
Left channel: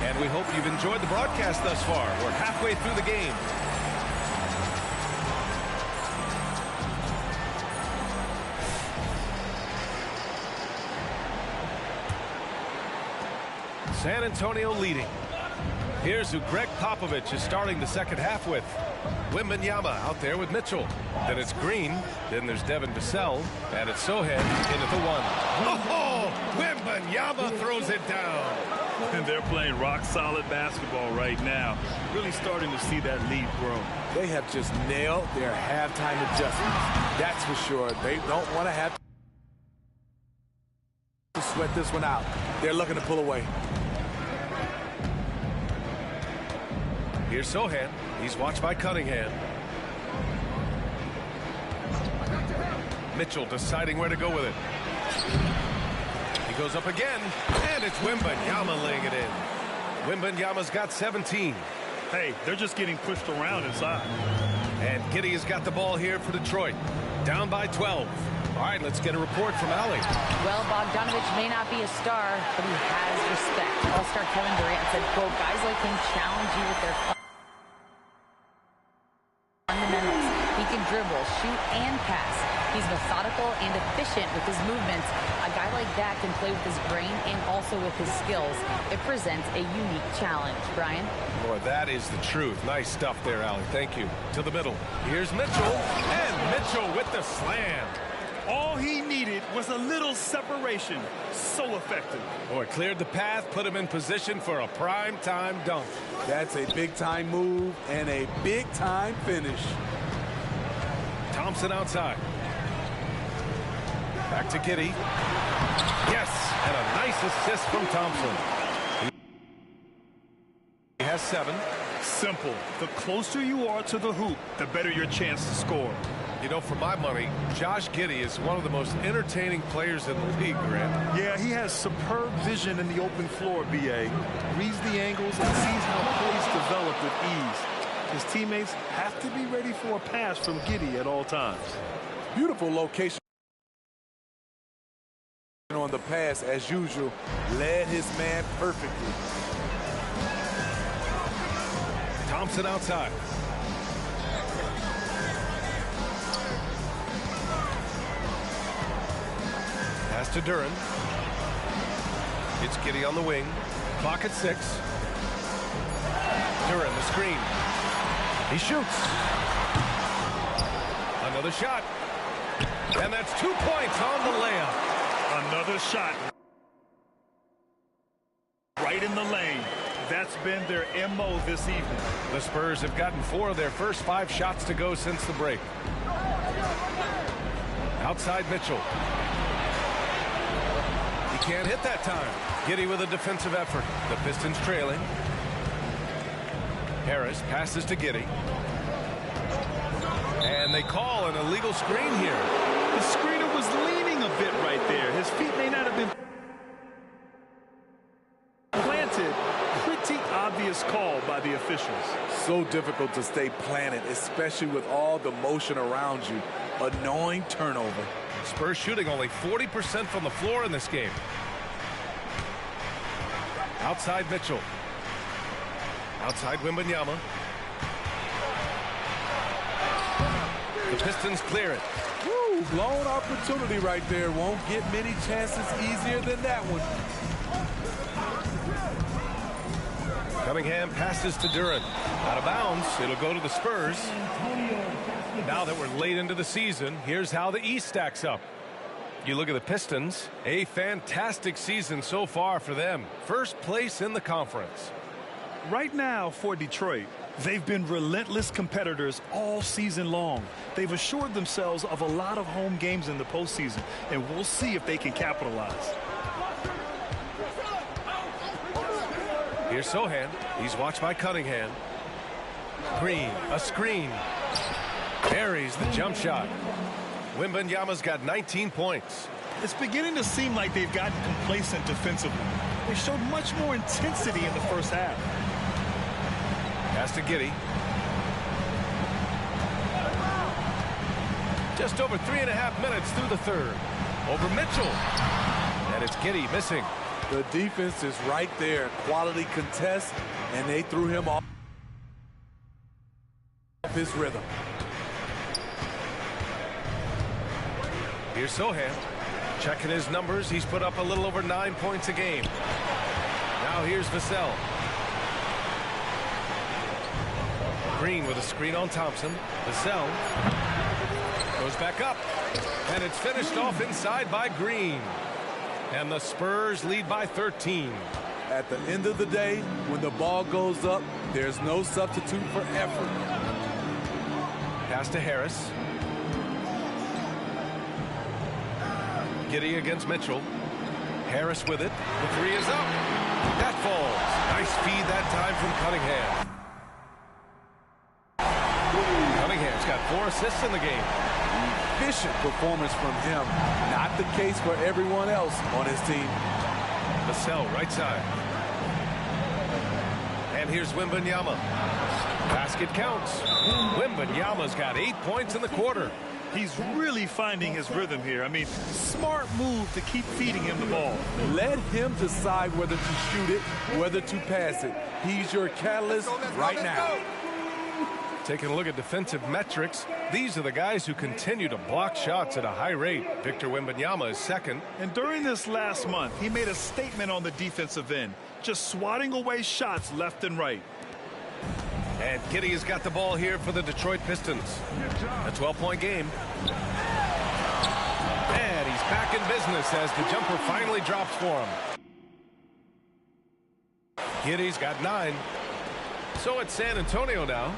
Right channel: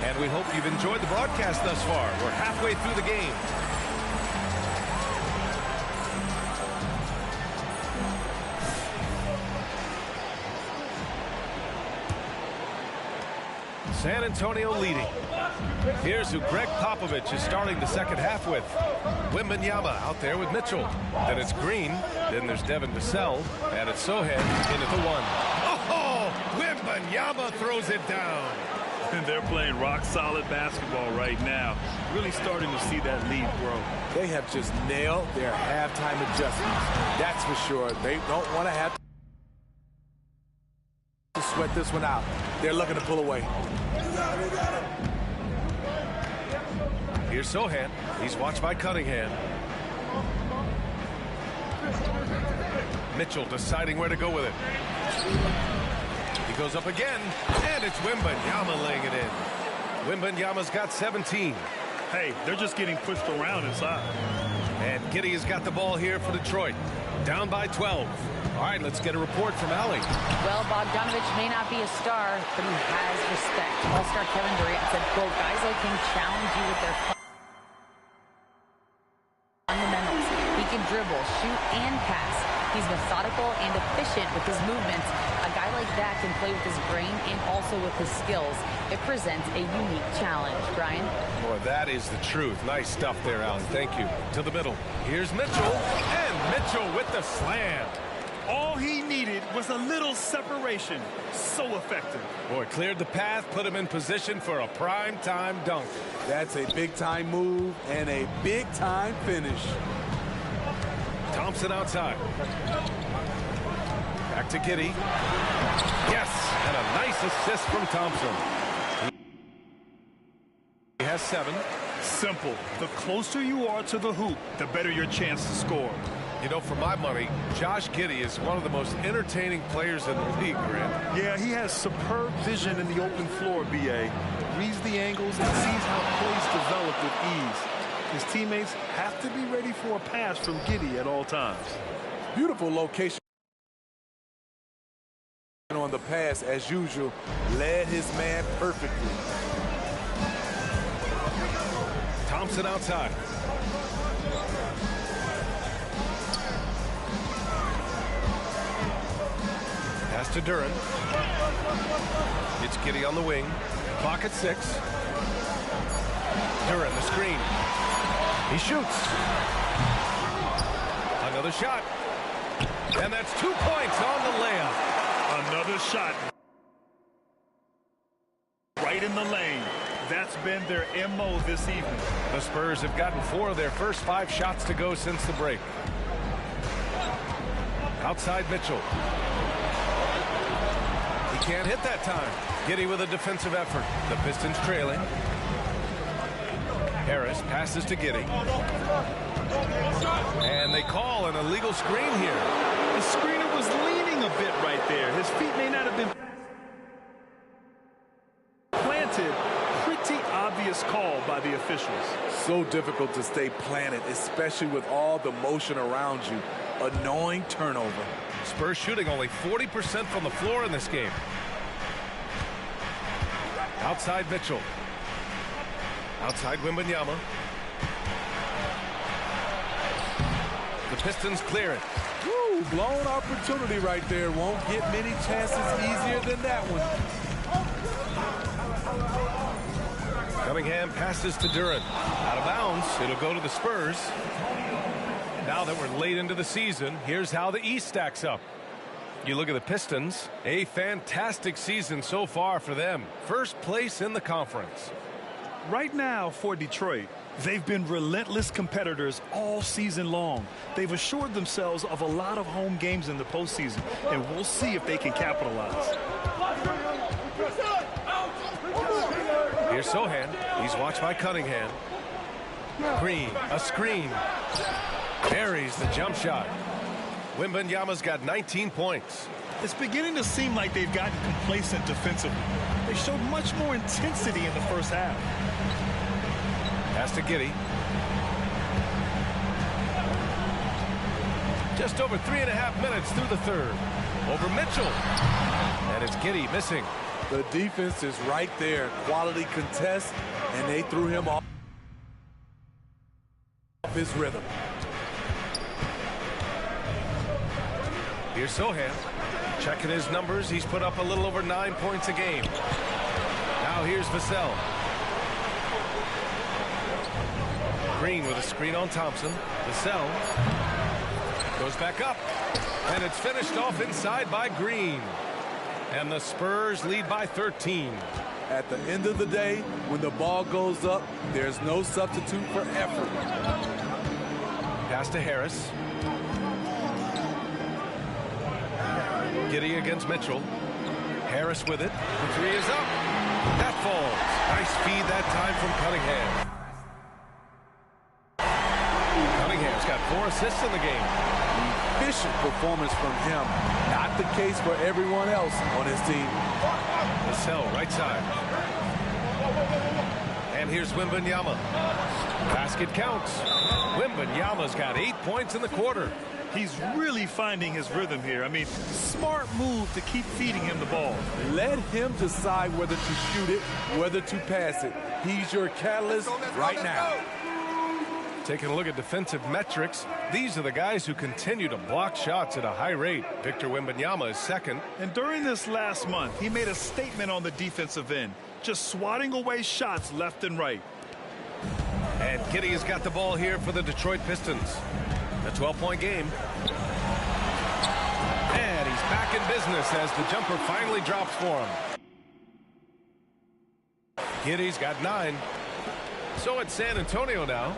And we hope you've enjoyed the broadcast thus far. We're halfway through the game. San Antonio leading. Here's who Greg Popovich is starting the second half with. Wembanyama out there with Mitchell. Then it's Green. Then there's Devin Vassell. And it's Sohan in at the one. Oh, Wembanyama throws it down. And they're playing rock-solid basketball right now. Really starting to see that lead grow. They have just nailed their halftime adjustments. That's for sure. They don't want to have to sweat this one out. They're looking to pull away. Here's Sohan. He's watched by Cunningham. Mitchell deciding where to go with it. He goes up again, and it's Wembanyama laying it in. Wembanyama's got 17. Hey, they're just getting pushed around inside. And Giddey has got the ball here for Detroit. Down by 12. All right, let's get a report from Allie. Well, Bogdanovich may not be a star, but he has respect. All-star Kevin Durant said, quote, guys like him challenge you with their fundamentals. He can dribble, shoot, and pass. He's methodical and efficient with his movements. A guy like that can play with his brain and also with his skills. It presents a unique challenge. Brian? Boy, that is the truth. Nice stuff there, Allie. Thank you. To the middle. Here's Mitchell, and Mitchell with the slam. All he needed was a little separation. So effective. Boy, cleared the path, put him in position for a prime-time dunk. That's a big-time move and a big-time finish. Thompson outside. Back to Giddey. Yes, and a nice assist from Thompson. He has 7. Simple. The closer you are to the hoop, the better your chance to score. You know, for my money, Josh Giddey is one of the most entertaining players in the league, Grant. Yeah, he has superb vision in the open floor, B.A. Reads the angles and sees how plays develop with ease. His teammates have to be ready for a pass from Giddey at all times. Beautiful location on the pass, as usual. Led his man perfectly. Thompson outside. Pass to Dillon. It's Giddey on the wing. Clock at 6. Dillon, the screen. He shoots. Another shot. And that's 2 points on the layup. Another shot. Right in the lane. That's been their MO this evening. The Spurs have gotten 4 of their first 5 shots to go since the break. Outside Mitchell. He can't hit that time. Giddey with a defensive effort. The Pistons trailing. Harris passes to Giddey. And they call an illegal screen here. The screener was leaning a bit right there. His feet may not have been planted. Pretty obvious call by the officials. So difficult to stay planted, especially with all the motion around you. Annoying turnover. Spurs shooting only 40% from the floor in this game. Outside Mitchell. Outside Wembanyama. The Pistons clear it. Woo, blown opportunity right there. Won't get many chances easier than that one. Cunningham passes to Dillon. Out of bounds. It'll go to the Spurs. Now that we're late into the season, here's how the East stacks up. You look at the Pistons, a fantastic season so far for them. First place in the conference. Right now for Detroit, they've been relentless competitors all season long. They've assured themselves of a lot of home games in the postseason, and we'll see if they can capitalize. Here's Sohan. He's watched by Cunningham. Green, a screen. Buries the jump shot. Wembanyama's got 19 points. It's beginning to seem like they've gotten complacent defensively. They showed much more intensity in the first half. Pass to Giddey. Just over 3.5 minutes through the third. Over Mitchell. And it's Giddey missing. The defense is right there. Quality contest, and they threw him off his rhythm. Here's Sohan. Checking his numbers. He's put up a little over 9 points a game. Now here's Vassell. Green with a screen on Thompson. Vassell goes back up. And it's finished off inside by Green. And the Spurs lead by 13. At the end of the day, when the ball goes up, there's no substitute for effort. Pass to Harris. Giddey against Mitchell. Harris with it. The three is up. That falls. Nice feed that time from Cunningham. Cunningham's got 4 assists in the game. Efficient performance from him. Not the case for everyone else on his team. Vassell right side. And here's Wembanyama. Basket counts. Wembanyama's got 8 points in the quarter. He's really finding his rhythm here. I mean, smart move to keep feeding him the ball. Let him decide whether to shoot it, whether to pass it. He's your catalyst right now. Taking a look at defensive metrics, these are the guys who continue to block shots at a high rate. Victor Wembanyama is second. And during this last month, he made a statement on the defensive end, just swatting away shots left and right. And Giddey has got the ball here for the Detroit Pistons. A 12-point game. And he's back in business as the jumper finally drops for him. Giddey's got 9. So it's San Antonio now.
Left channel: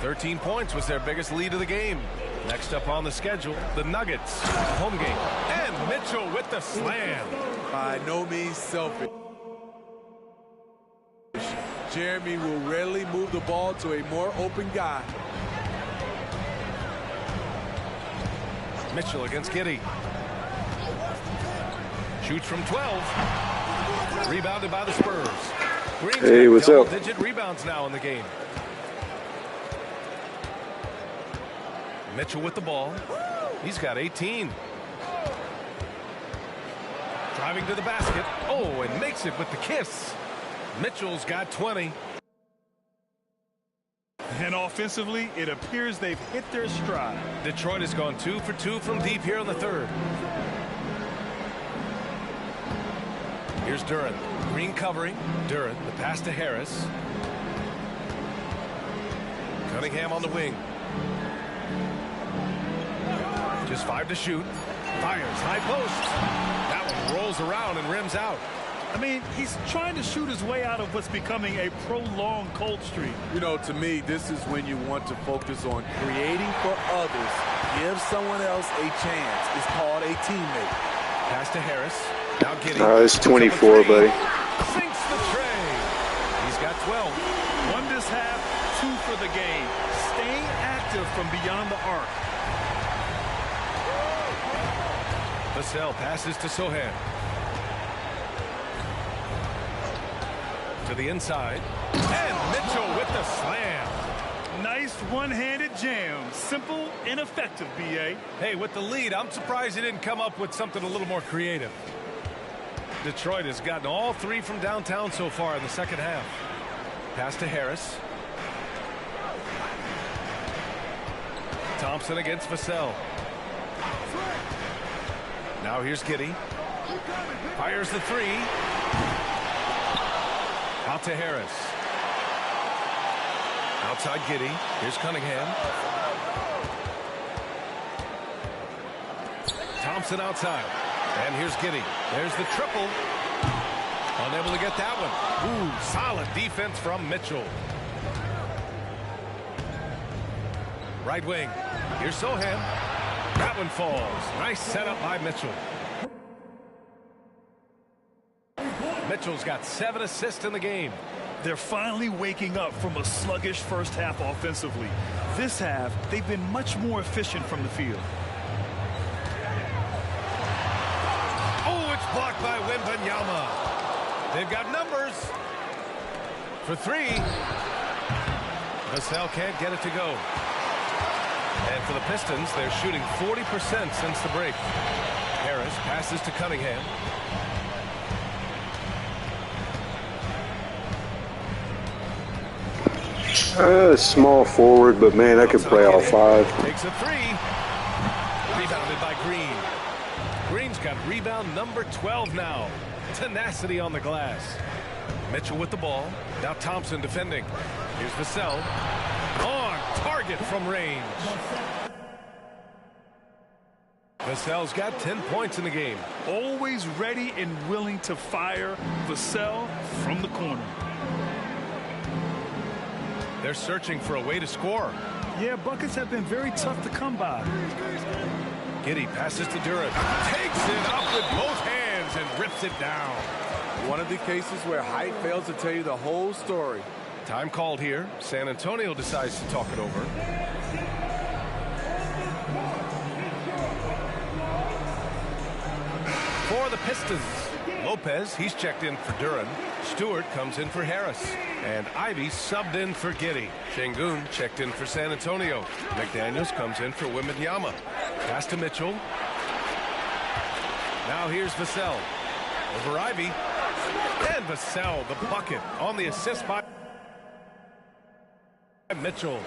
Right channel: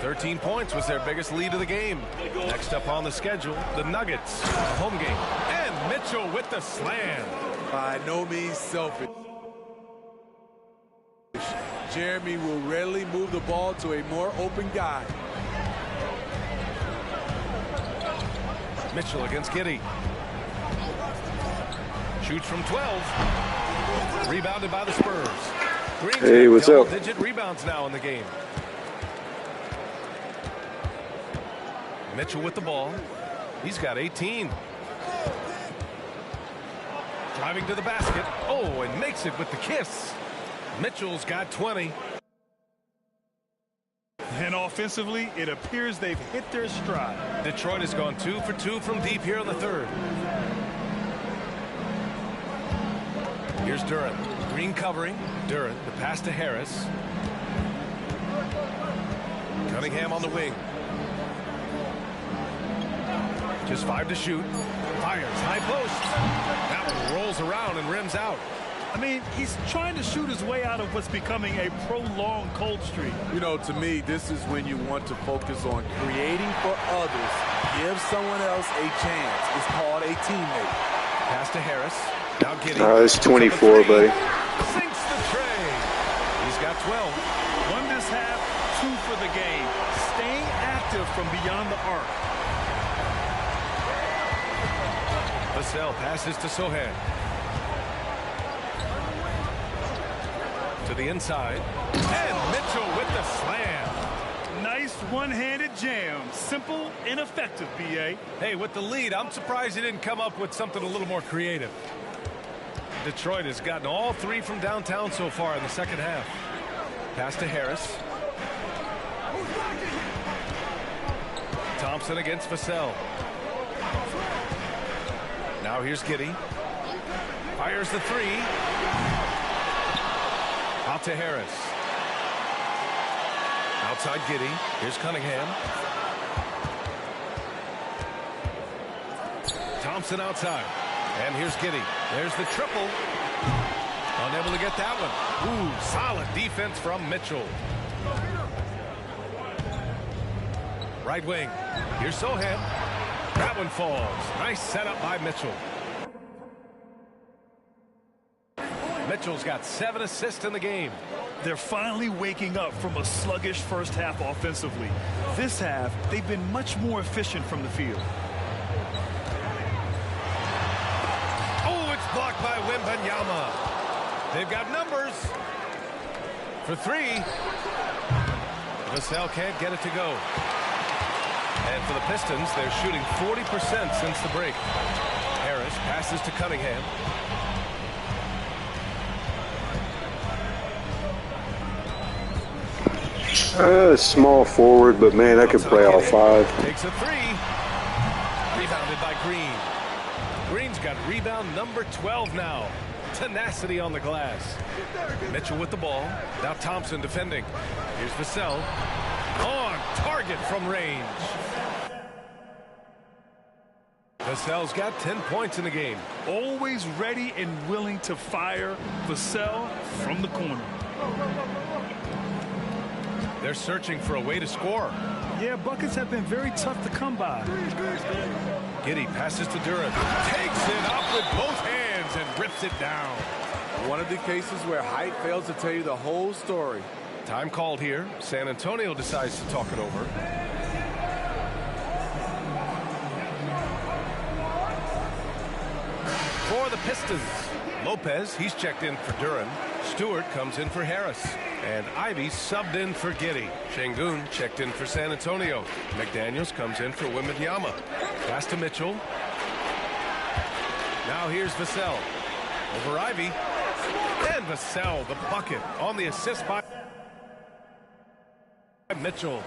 13 points was their biggest lead of the game. Next up on the schedule, the Nuggets. Home game. And Mitchell with the slam. By no means selfish. Jeremy will rarely move the ball to a more open guy. Mitchell against Giddey. Shoots from 12. Rebounded by the Spurs. Green's hey, what's up? Double-digit rebounds now in the game. Mitchell with the ball. He's got 18. Driving to the basket. Oh, and makes it with the kiss. Mitchell's got 20. And offensively, it appears they've hit their stride. Detroit has gone 2 for 2 from deep here in the third. Here's Dillon. Green covering. Dillon, the pass to Harris. Cunningham on the wing. Just 5 to shoot. Fires high post. That one rolls around and rims out. I mean, he's trying to shoot his way out of what's becoming a prolonged cold streak. You know, to me, this is when you want to focus on creating for others. Give someone else a chance. It's called a teammate. Pass to Harris. Now Giddey. It's 24, buddy. Sinks the tray. He's got 12. Won this half, 2 for the game. Staying active from beyond the arc. Vassell passes to Sohan. To the inside. And Mitchell with the slam. Nice one-handed jam. Simple and effective, B.A. Hey, with the lead, I'm surprised he didn't come up with something a little more creative. Detroit has gotten all three from downtown so far in the second half. Pass to Harris. Thompson against Vassell. Now here's Giddey. Fires the three. Out to Harris. Outside Giddey. Here's Cunningham. Thompson outside. And here's Giddey. There's the triple. Unable to get that one. Ooh, solid defense from Mitchell. Right wing. Here's Sohan. That one falls. Nice setup by Mitchell. Mitchell's got 7 assists in the game. They're finally waking up from a sluggish first half offensively. This half, they've been much more efficient from the field. Oh, it's blocked by Wembanyama. They've got numbers. For three. Vassell can't get it to go. And for the Pistons, they're shooting 40% since the break. Harris passes to Cunningham. Small forward, but man, I could play all 5. Takes a three. Rebounded by Green. Green's got rebound number 12 now. Tenacity on the glass. Mitchell with the ball. Now Thompson defending. Here's Vassell. On target from range. Vassell's got 10 points in the game. Always ready and willing to fire. Vassell from the corner. They're searching for a way to score. Yeah, buckets have been very tough to come by. Giddey passes to Dillon. Takes it up with both hands and rips it down. One of the cases where height fails to tell you the whole story. Time called here. San Antonio decides to talk it over. For the Pistons, Lopez, he's checked in for Dillon. Stewart comes in for Harris. And Ivy subbed in for Giddey. Şengün checked in for San Antonio. McDaniels comes in for Wembanyama. Pass to Mitchell. Now here's Vassell. Over Ivy. And Vassell, the bucket on the assist by Mitchell.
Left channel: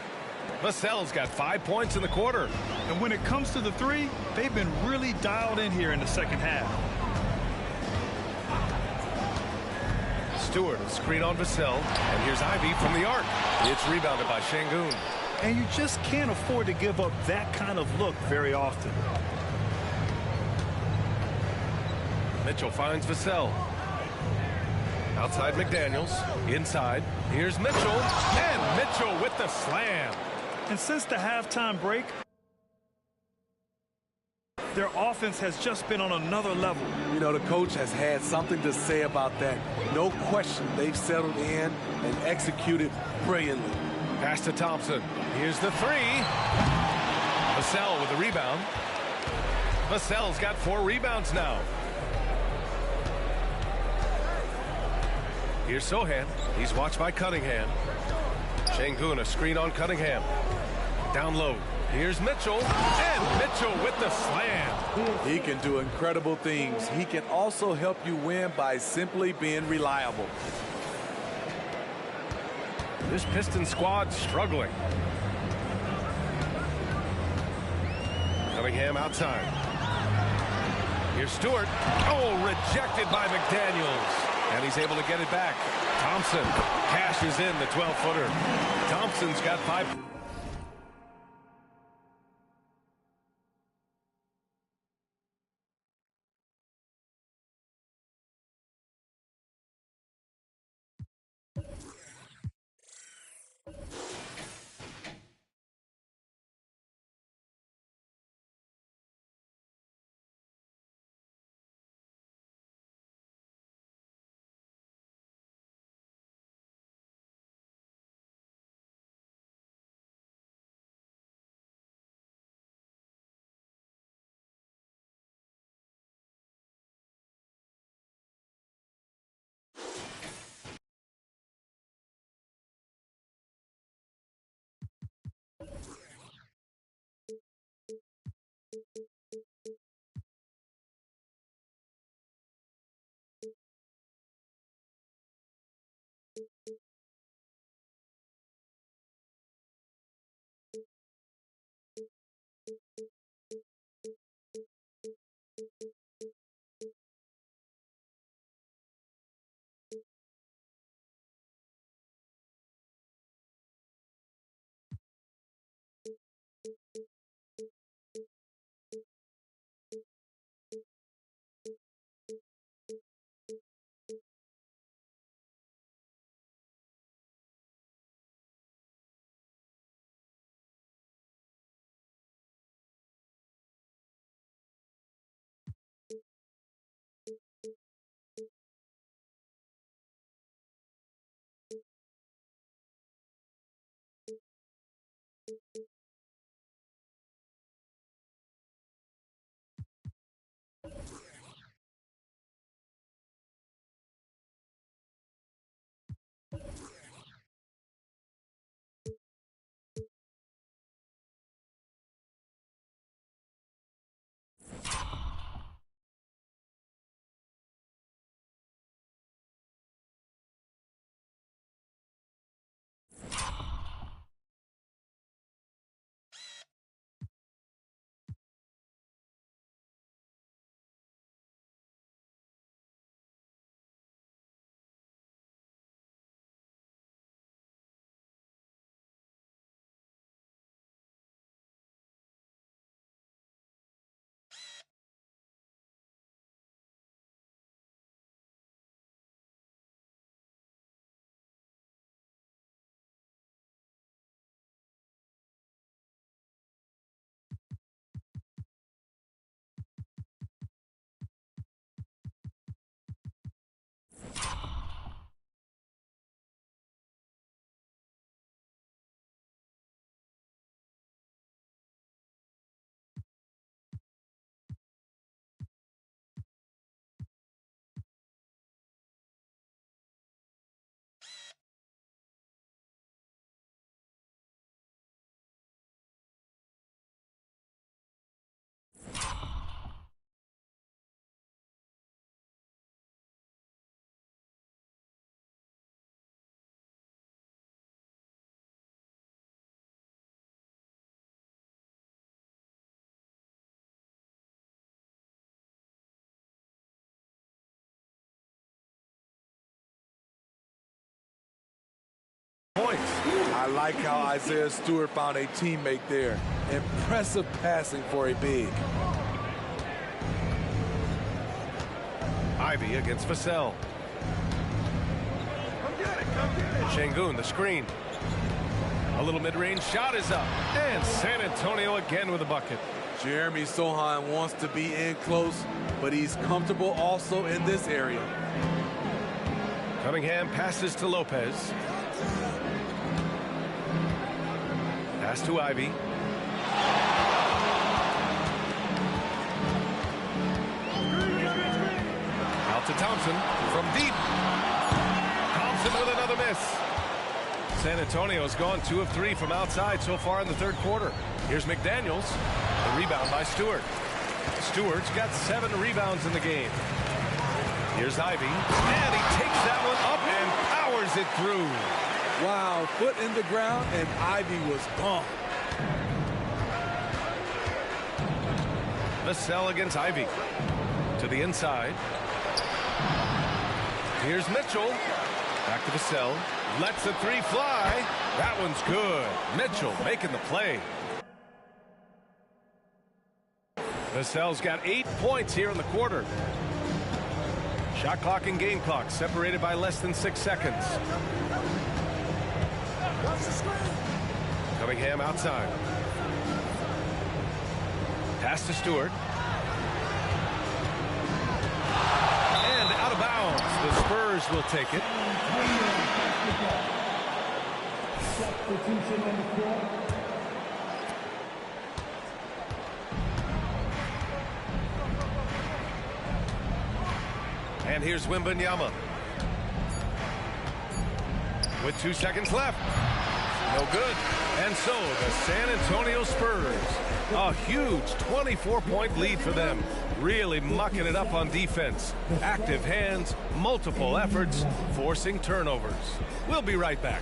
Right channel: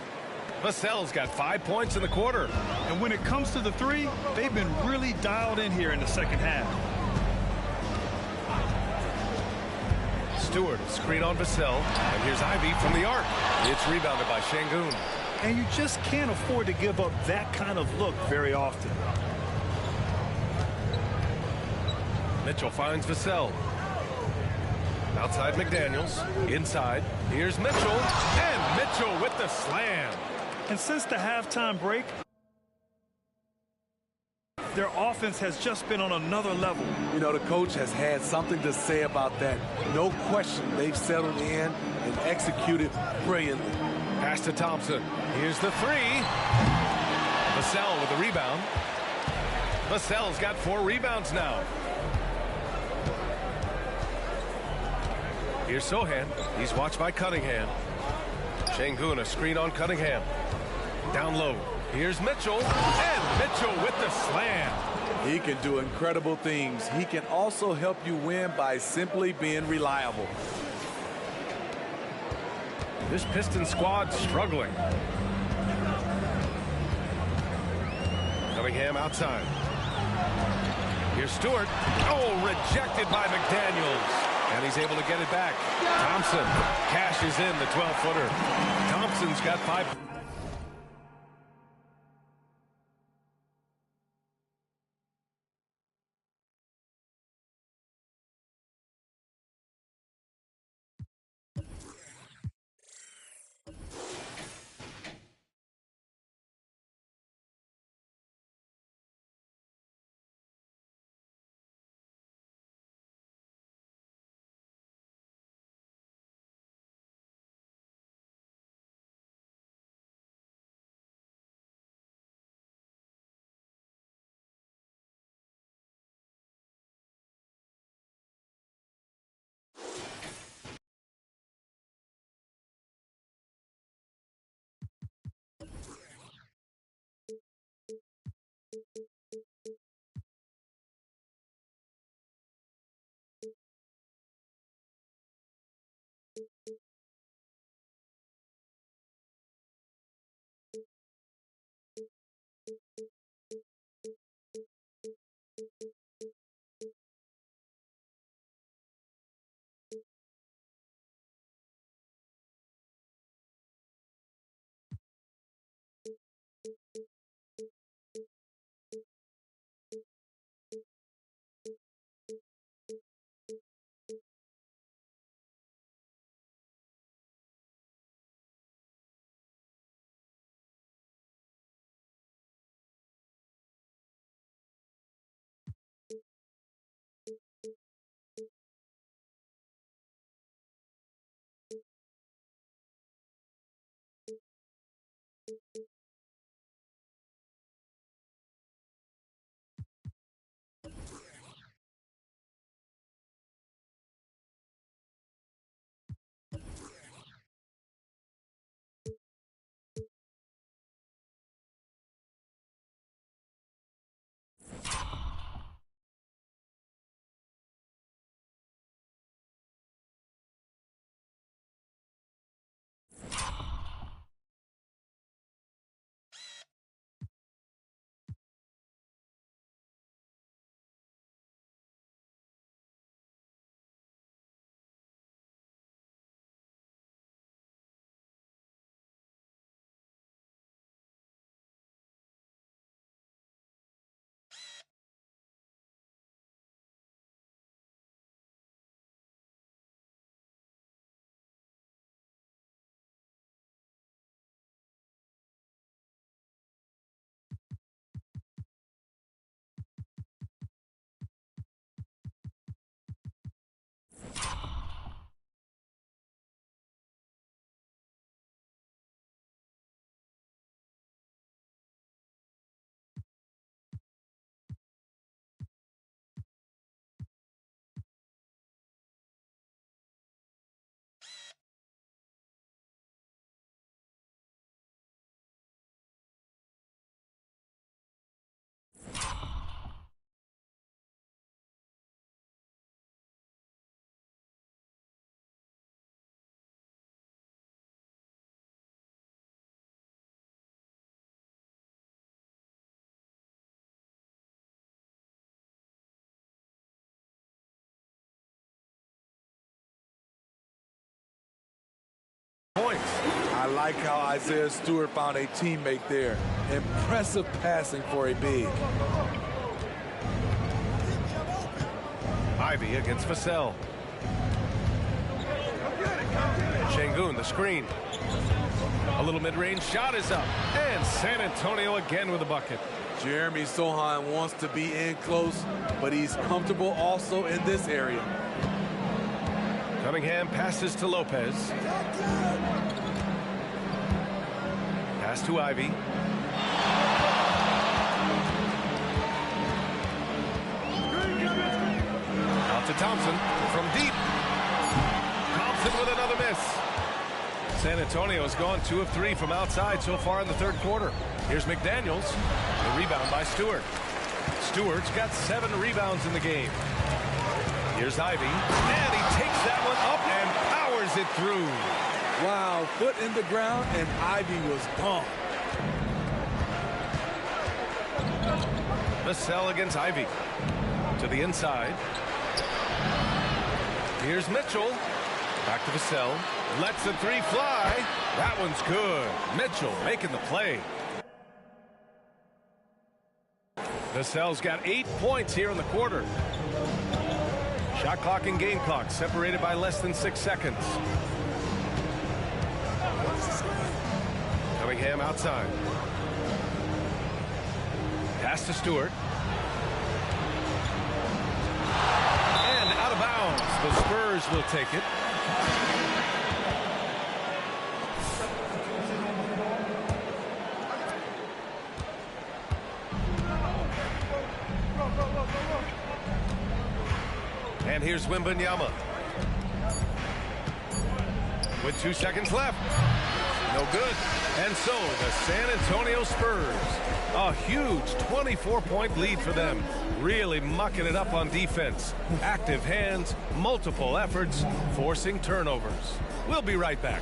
Vassell's got 5 points in the quarter. And when it comes to the three, they've been really dialed in here in the second half. Stewart will screen on Vassell. And here's Ivy from the arc. It's rebounded by Şengün. And you just can't afford to give up that kind of look very often. Mitchell finds Vassell. Outside McDaniels. Inside. Here's Mitchell. And Mitchell with the slam. And since the halftime break, their offense has just been on another level. You know, the coach has had something to say about that. No question, they've settled in and executed brilliantly. Pass to Thompson. Here's the three. Vassell with the rebound. Vassell's got 4 rebounds now. Here's Sohan. He's watched by Cunningham. Şengün, a screen on Cunningham. Down low. Here's Mitchell. And Mitchell with the slam. He can do incredible things. He can also help you win by simply being reliable. This Pistons squad struggling. Cunningham outside. Here's Stewart. Oh, rejected by McDaniels. And he's able to get it back. Thompson cashes in the 12-footer. Thompson's got 5. I like how Isaiah Stewart found a teammate there. Impressive passing for a big. Ivy against Vassell. Şengün, the screen. A little mid-range shot is up. And San Antonio again with a bucket. Jeremy Sohan wants to be in close, but he's comfortable also in this area. Cunningham passes to Lopez. Pass to Ivy. Out to Thompson from deep. Thompson with another miss. San Antonio has gone 2 of 3 from outside so far in the third quarter. Here's McDaniels. The rebound by Stewart. Stewart's got 7 rebounds in the game. Here's Ivy. And he takes that one up and powers it through. Wow, foot in the ground, and Ivy was gone. Vassell against Ivy. To the inside. Here's Mitchell. Back to Vassell. Lets the 3 fly. That one's good. Mitchell making the play. Vassell's got 8 points here in the quarter. Shot clock and game clock separated by less than 6 seconds. Cunningham outside. Pass to Stewart. And out of bounds. The Spurs will take it. And here's Wembanyama. With 2 seconds left. No good. And so the San Antonio Spurs, a huge 24-point lead for them. Really mucking it up on defense. Active hands, multiple efforts, forcing turnovers. We'll be right back.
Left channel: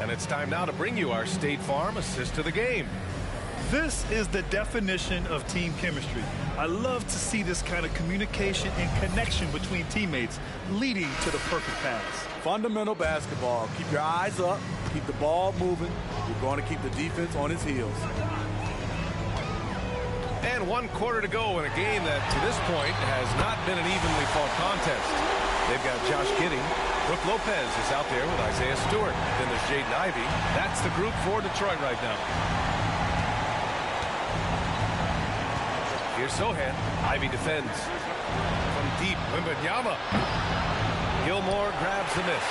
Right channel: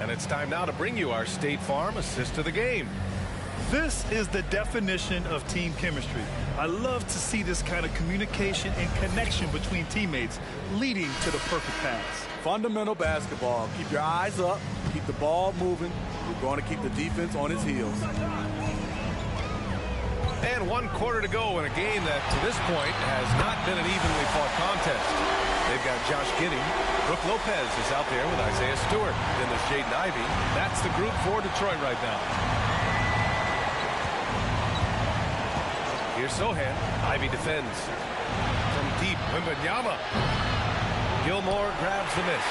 And it's time now to bring you our State Farm assist to the game. This is the definition of team chemistry. I love to see this kind of communication and connection between teammates leading to the perfect pass. Fundamental basketball. Keep your eyes up. Keep the ball moving. You're going to keep the defense on its heels. And 1 quarter to go in a game that, to this point, has not been an evenly fought contest. They've got Josh Giddey. Brook Lopez is out there with Isaiah Stewart. Then there's Jaden Ivey. That's the group for Detroit right now. Here's Sohan. Ivey defends. From deep, Wembanyama. Gilmore grabs the miss.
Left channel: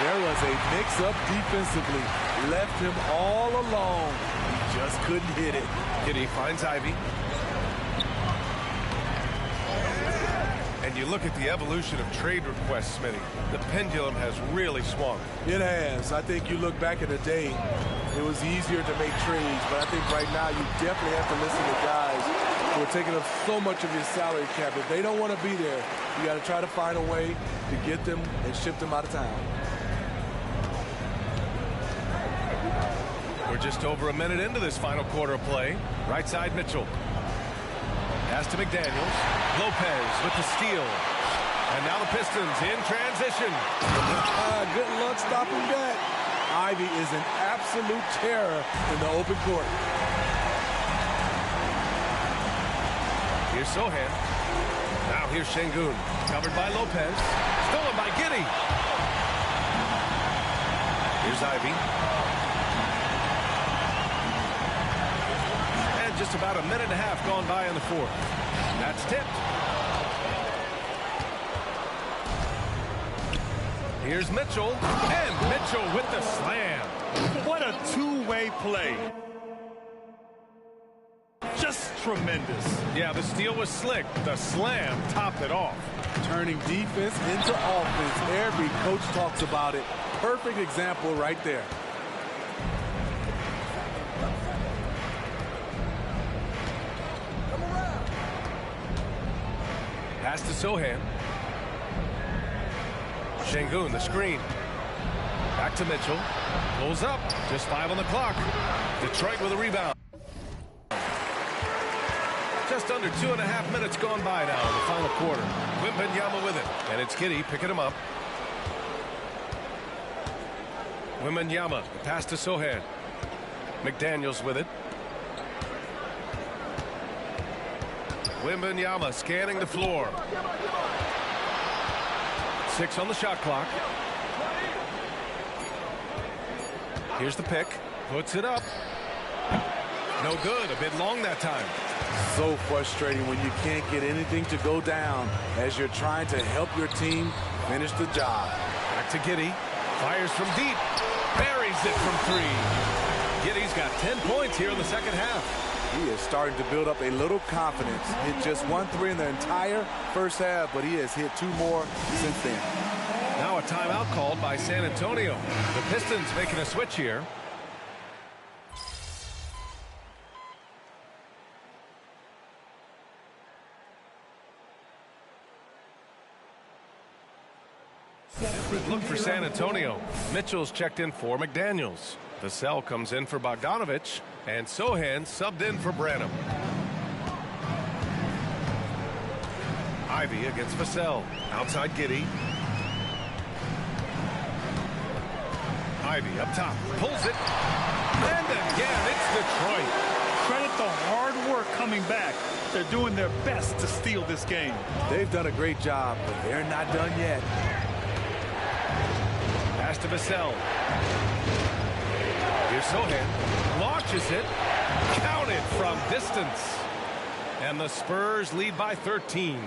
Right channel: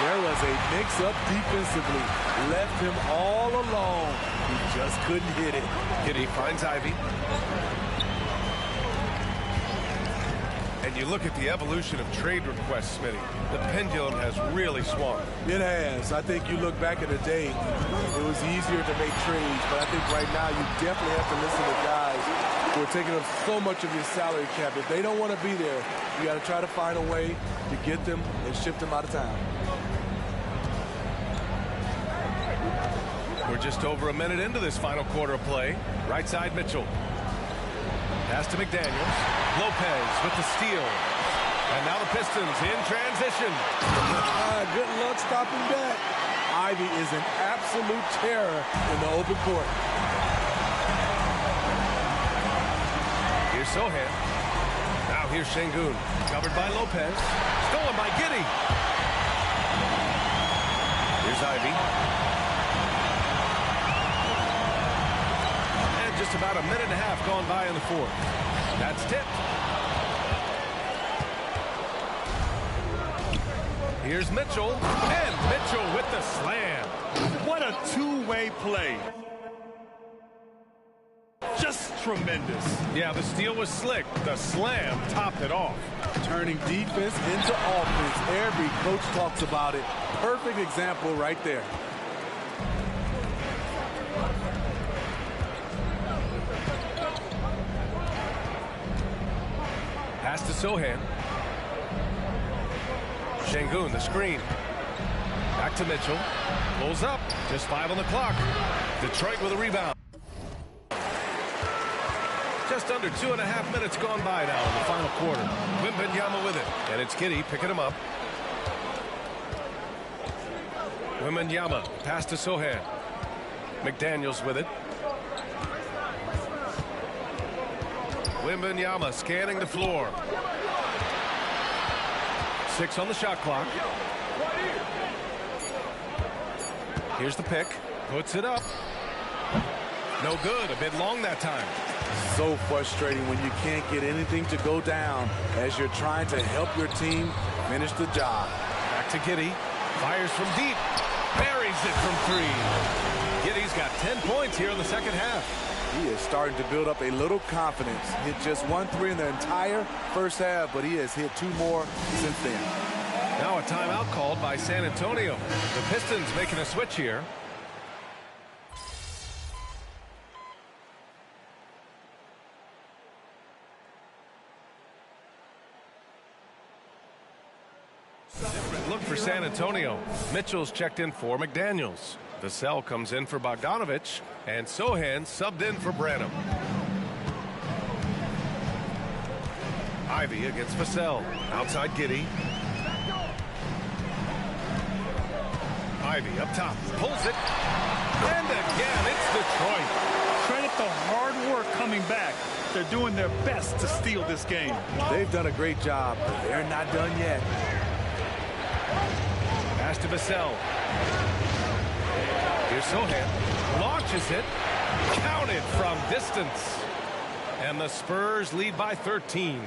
There was a mix-up defensively. Left him all alone. He just couldn't hit it. Giddey finds Ivey. And you look at the evolution of trade requests, Smitty. The pendulum has really swung. It has. I think you look back in the day, it was easier to make trades, but I think right now you definitely have to listen to guys who are taking up so much of your salary cap. If they don't want to be there, you got to try to find a way to get them and ship them out of town. We're just over a minute into this final quarter of play. Right side, Mitchell. Pass to McDaniels. Lopez with the steal. And now the Pistons in transition. Good luck stopping that. Ivy is an absolute terror in the open court. Here's Sohan. Now here's Şengün. Covered by Lopez. Stolen by Giddey. Here's Ivy. And just about a minute and a half gone by in the fourth. That's tipped. Here's Mitchell. And Mitchell with the slam. What a two-way play. Just tremendous. Yeah, the steal was slick. The slam topped it off. Turning defense into offense. Every coach talks about it. Perfect example right there. Pass to Sohan. Şengün, the screen. Back to Mitchell. Pulls up. Just 5 on the clock. Detroit with a rebound. Just under 2.5 minutes gone by now in the final quarter. Wembanyama with it. And it's Giddey picking him up. Wembanyama. Pass to Sohan. McDaniels with it. Wembanyama scanning the floor. 6 on the shot clock. Here's the pick. Puts it up. No good. A bit long that time. So frustrating when you can't get anything to go down as you're trying to help your team finish the job. Back to Giddey. Fires from deep. Buries it from 3. Giddey's got 10 points here in the second half. He is starting to build up a little confidence. Hit just 1 3 in the entire first half, but he has hit 2 more since then. Now a timeout called by San Antonio. The Pistons making a switch here. Different look for San Antonio. Mitchell's checked in for McDaniels. Vassell comes in for Bogdanovich, and Sohan subbed in for Branham. Ivy against Vassell. Outside Giddey. Ivy up top. Pulls it. And again, it's Detroit. Credit the hard work coming back. They're doing their best to steal this game. They've done a great job, but they're not done yet. Pass to Vassell. Here's Sohan. Launches it. Counted from distance. And the Spurs lead by 13.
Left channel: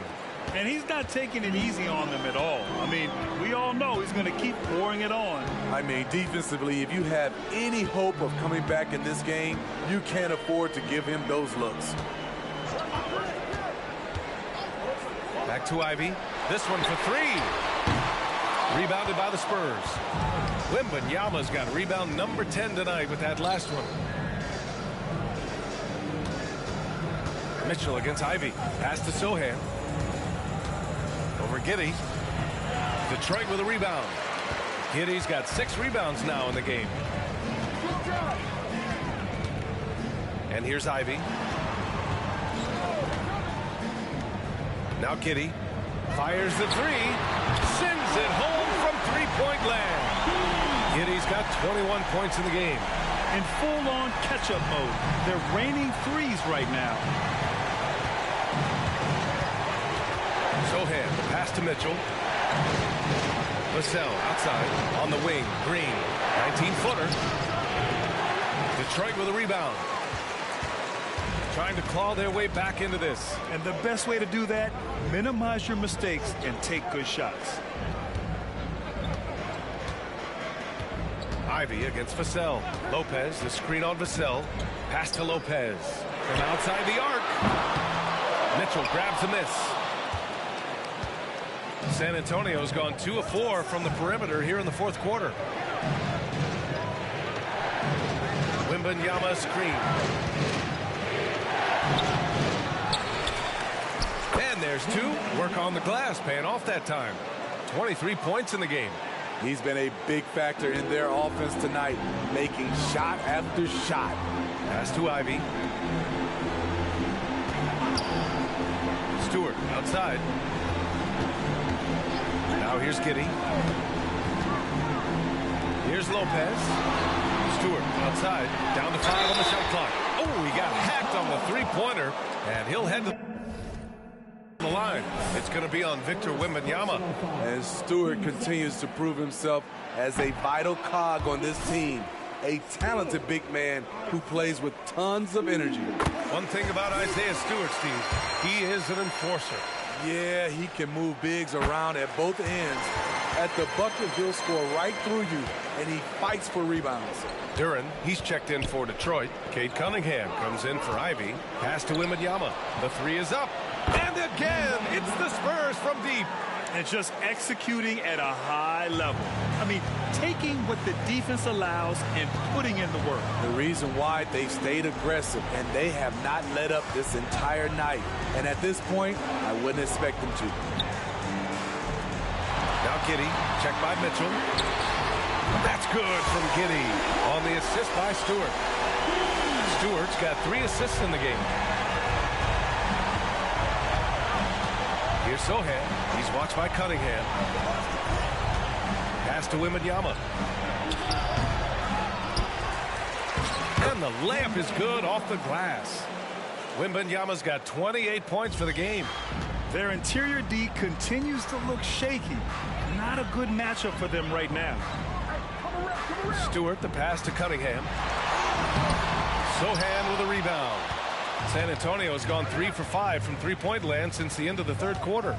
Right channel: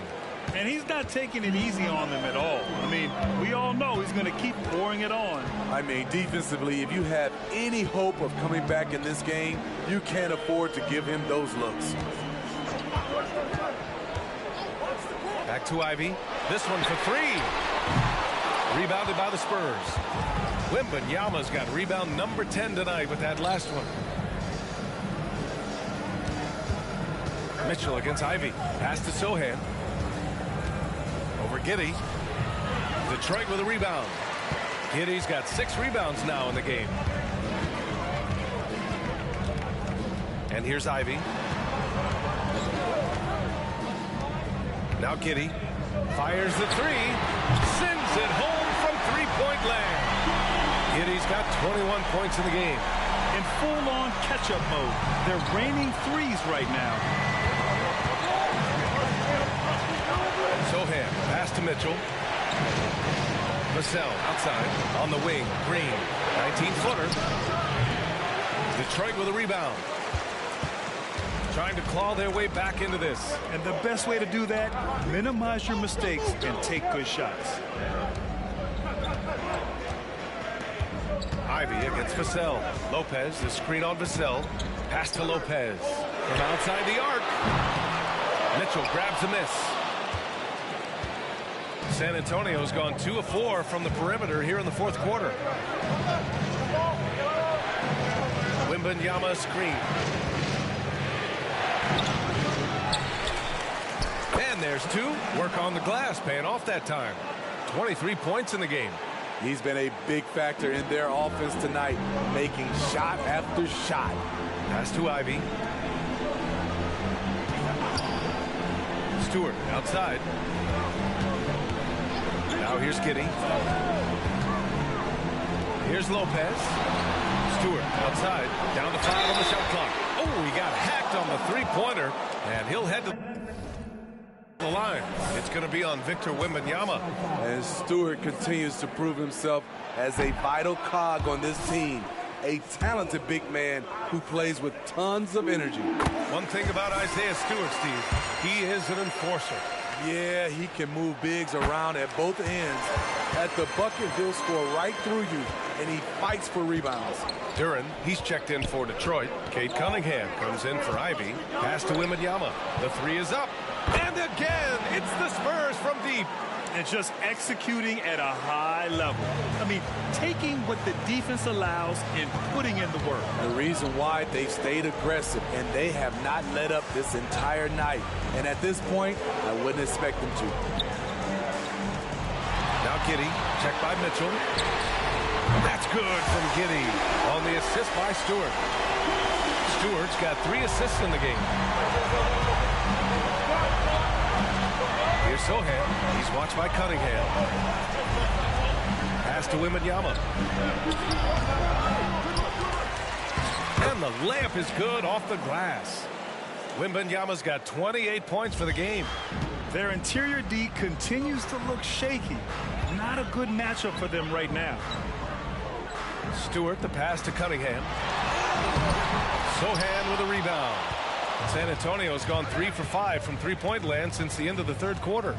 And he's not taking it easy on them at all. I mean, we all know he's going to keep pouring it on. I mean, defensively, if you have any hope of coming back in this game, you can't afford to give him those looks. Back to Ivy. This one for 3. Rebounded by the Spurs. Wembanyama's got rebound number 10 tonight with that last one. Mitchell against Ivy. Pass to Sohan. Over Giddey. Detroit with a rebound. Giddey's got 6 rebounds now in the game. And here's Ivy. Now Giddey fires the 3. Sends it home from 3-point land. Giddey's got 21 points in the game. In full-on catch-up mode. They're raining threes right now. Sohan, the pass to Mitchell. Vassell outside on the wing. Green, 19-footer. Detroit with a rebound. Trying to claw their way back into this. And the best way to do that, minimize your mistakes and take good shots. Ivy against Vassell. Lopez, the screen on Vassell. Pass to Lopez. From outside the arc. Mitchell grabs a miss. San Antonio's gone 2 of 4 from the perimeter here in the fourth quarter. Wembanyama screen. And there's 2. Work on the glass, paying off that time. 23 points in the game. He's been a big factor in their offense tonight, making shot after shot. Pass to Ivy. Stewart outside. Now here's Giddey. Here's Lopez. Stewart outside. Down to 5 on the shot clock. Oh, he got hacked on the 3-pointer, and he'll head to the line. It's going to be on Victor Wembanyama. And Stewart continues to prove himself as a vital cog on this team. A talented big man who plays with tons of energy. One thing about Isaiah Stewart, Steve, he is an enforcer. Yeah, he can move bigs around at both ends. At the bucket, he'll score right through you, and he fights for rebounds. Duren, he's checked in for Detroit. Cade Cunningham comes in for Ivy. Pass to Wembanyama. The three is up. And again, it's the Spurs from deep. And just executing at a high level. I mean, taking what the defense allows and putting in the work. The reason why they've stayed aggressive, and they have not let up this entire night. And at this point, I wouldn't expect them to. Now Giddey, checked by Mitchell. That's good from Giddey on the assist by Stewart. Stewart's got 3 assists in the game. Here's Sohan. He's watched by Cunningham. Pass to Wembanyama. And the layup is good off the glass. Wembanyama's got 28 points for the game. Their interior D continues to look shaky. Not a good matchup for them right now. Stewart, the pass to Cunningham. Sohan with a rebound. San Antonio has gone 3 for 5 from three-point land since the end of the third quarter.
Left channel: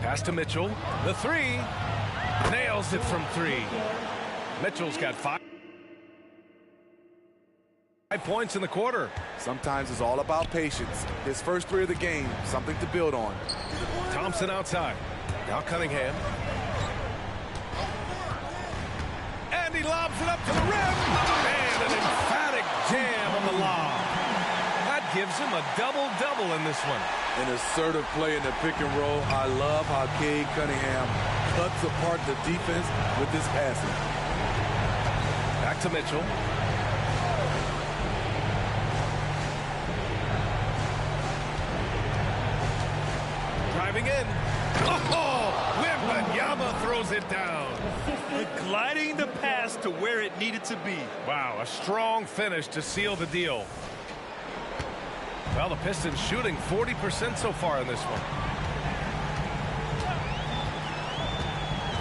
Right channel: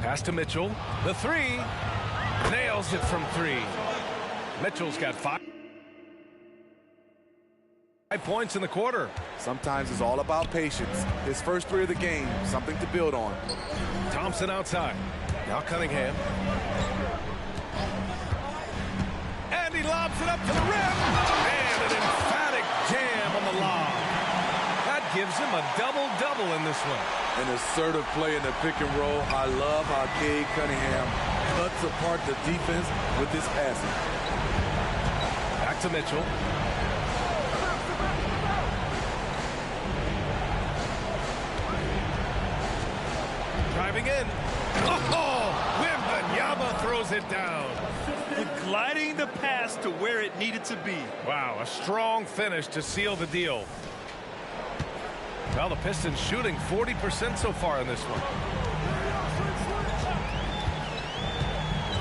Pass to Mitchell. The three. Nails it from 3. Mitchell's got 5 points in the quarter. Sometimes it's all about patience. His first 3 of the game, something to build on. Thompson outside. Now Cunningham. And he lobs it up to the rim. And an emphatic jam on the lob. That gives him a double-double in this one. An assertive play in the pick and roll. I love how Cade Cunningham cuts apart the defense with his passing. Back to Mitchell. Driving in. Oh, Wembanyama throws it down. Gliding the pass to where it needed to be. Wow, a strong finish to seal the deal. Well, the Pistons shooting 40% so far in this one.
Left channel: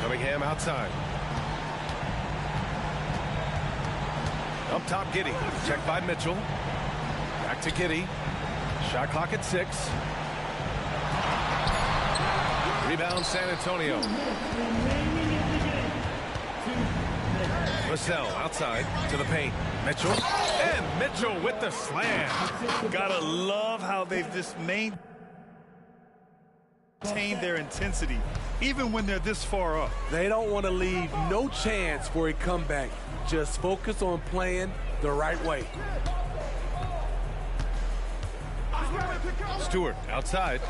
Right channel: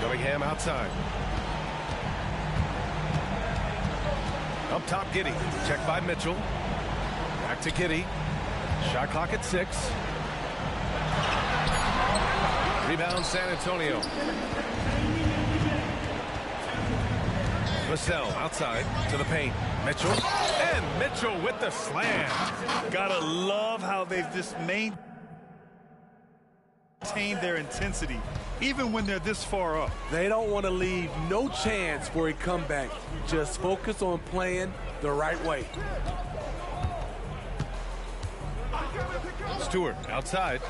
Cunningham outside. Up top, Giddey. Checked by Mitchell. Back to Giddey. Shot clock at 6. Rebound San Antonio. Vassell outside to the paint. Mitchell. And Mitchell with the slam. Gotta love how they've just maintained their intensity, even when they're this far up. They don't want to leave no chance for a comeback. Just focus on playing the right way. Stewart outside.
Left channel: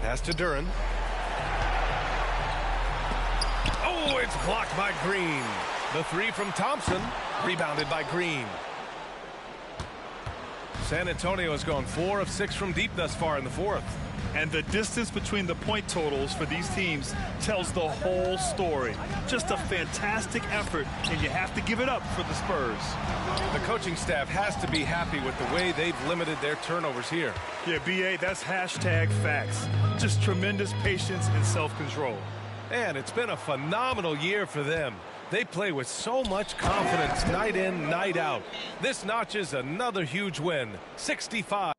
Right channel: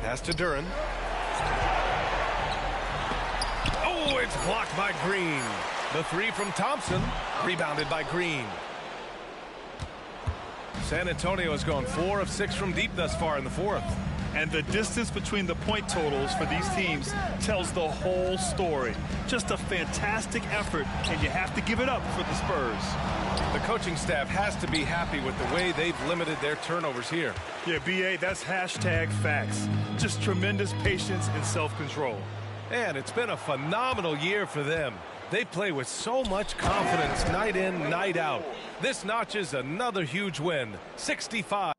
Pass to Duren. Oh, it's blocked by Green. The three from Thompson, rebounded by Green. San Antonio has gone 4 of 6 from deep thus far in the fourth. And the distance between the point totals for these teams tells the whole story. Just a fantastic effort, and you have to give it up for the Spurs. The coaching staff has to be happy with the way they've limited their turnovers here. Yeah, B.A., that's hashtag facts. Just tremendous patience and self-control. And it's been a phenomenal year for them. They play with so much confidence night in, night out. This notches another huge win, 65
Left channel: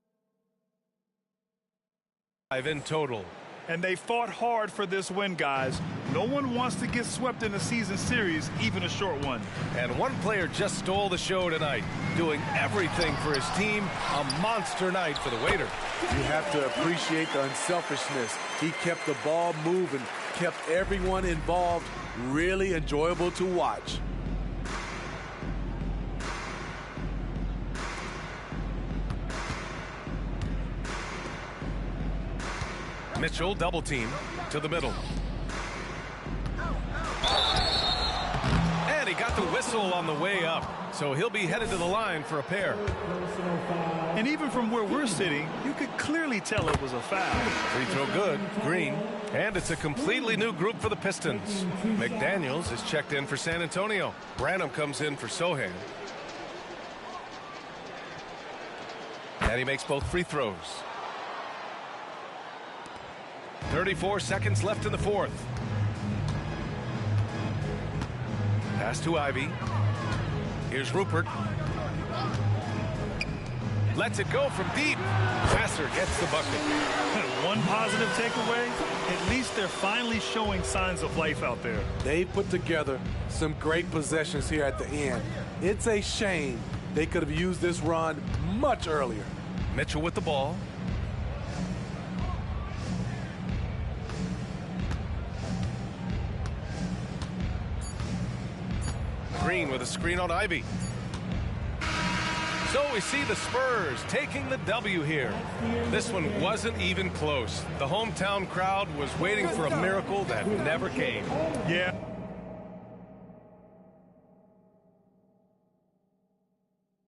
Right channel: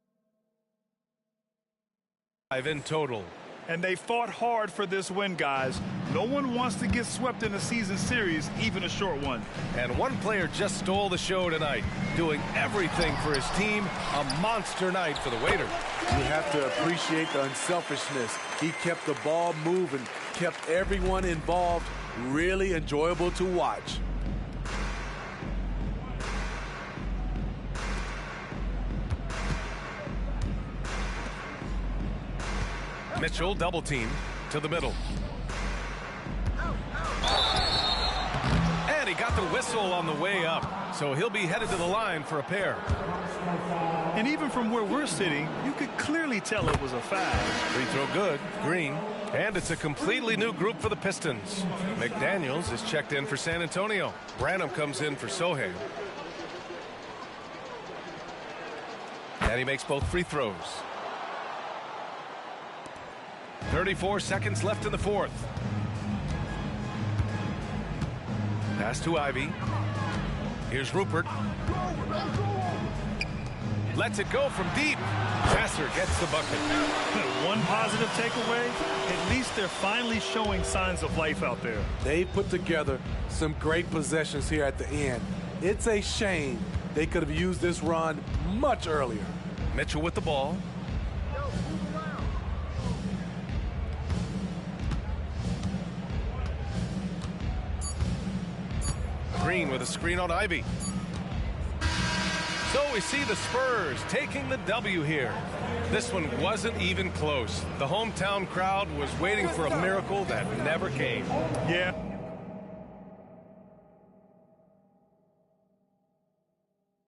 in total. And they fought hard for this win, guys. No one wants to get swept in a season series, even a short one. And one player just stole the show tonight, doing everything for his team. A monster night for the waiter. You have to appreciate the unselfishness. He kept the ball moving, kept everyone involved. Really enjoyable to watch. Mitchell double team to the middle. And he got the whistle on the way up, so he'll be headed to the line for a pair. And even from where we're sitting, you could clearly tell it was a foul. Free throw good, Green. And it's a completely new group for the Pistons. McDaniels is checked in for San Antonio. Branham comes in for Sohan. And he makes both free throws. 34 seconds left in the fourth. Pass to Ivy. Here's Rupert. Lets it go from deep. Vassar gets the bucket. One positive takeaway, at least they're finally showing signs of life out there. They put together some great possessions here at the end. It's a shame they could have used this run much earlier. Mitchell with the ball. Green with a screen on Ivy. So we see the Spurs taking the W here. This one wasn't even close. The hometown crowd was waiting for a miracle that never came. Yeah.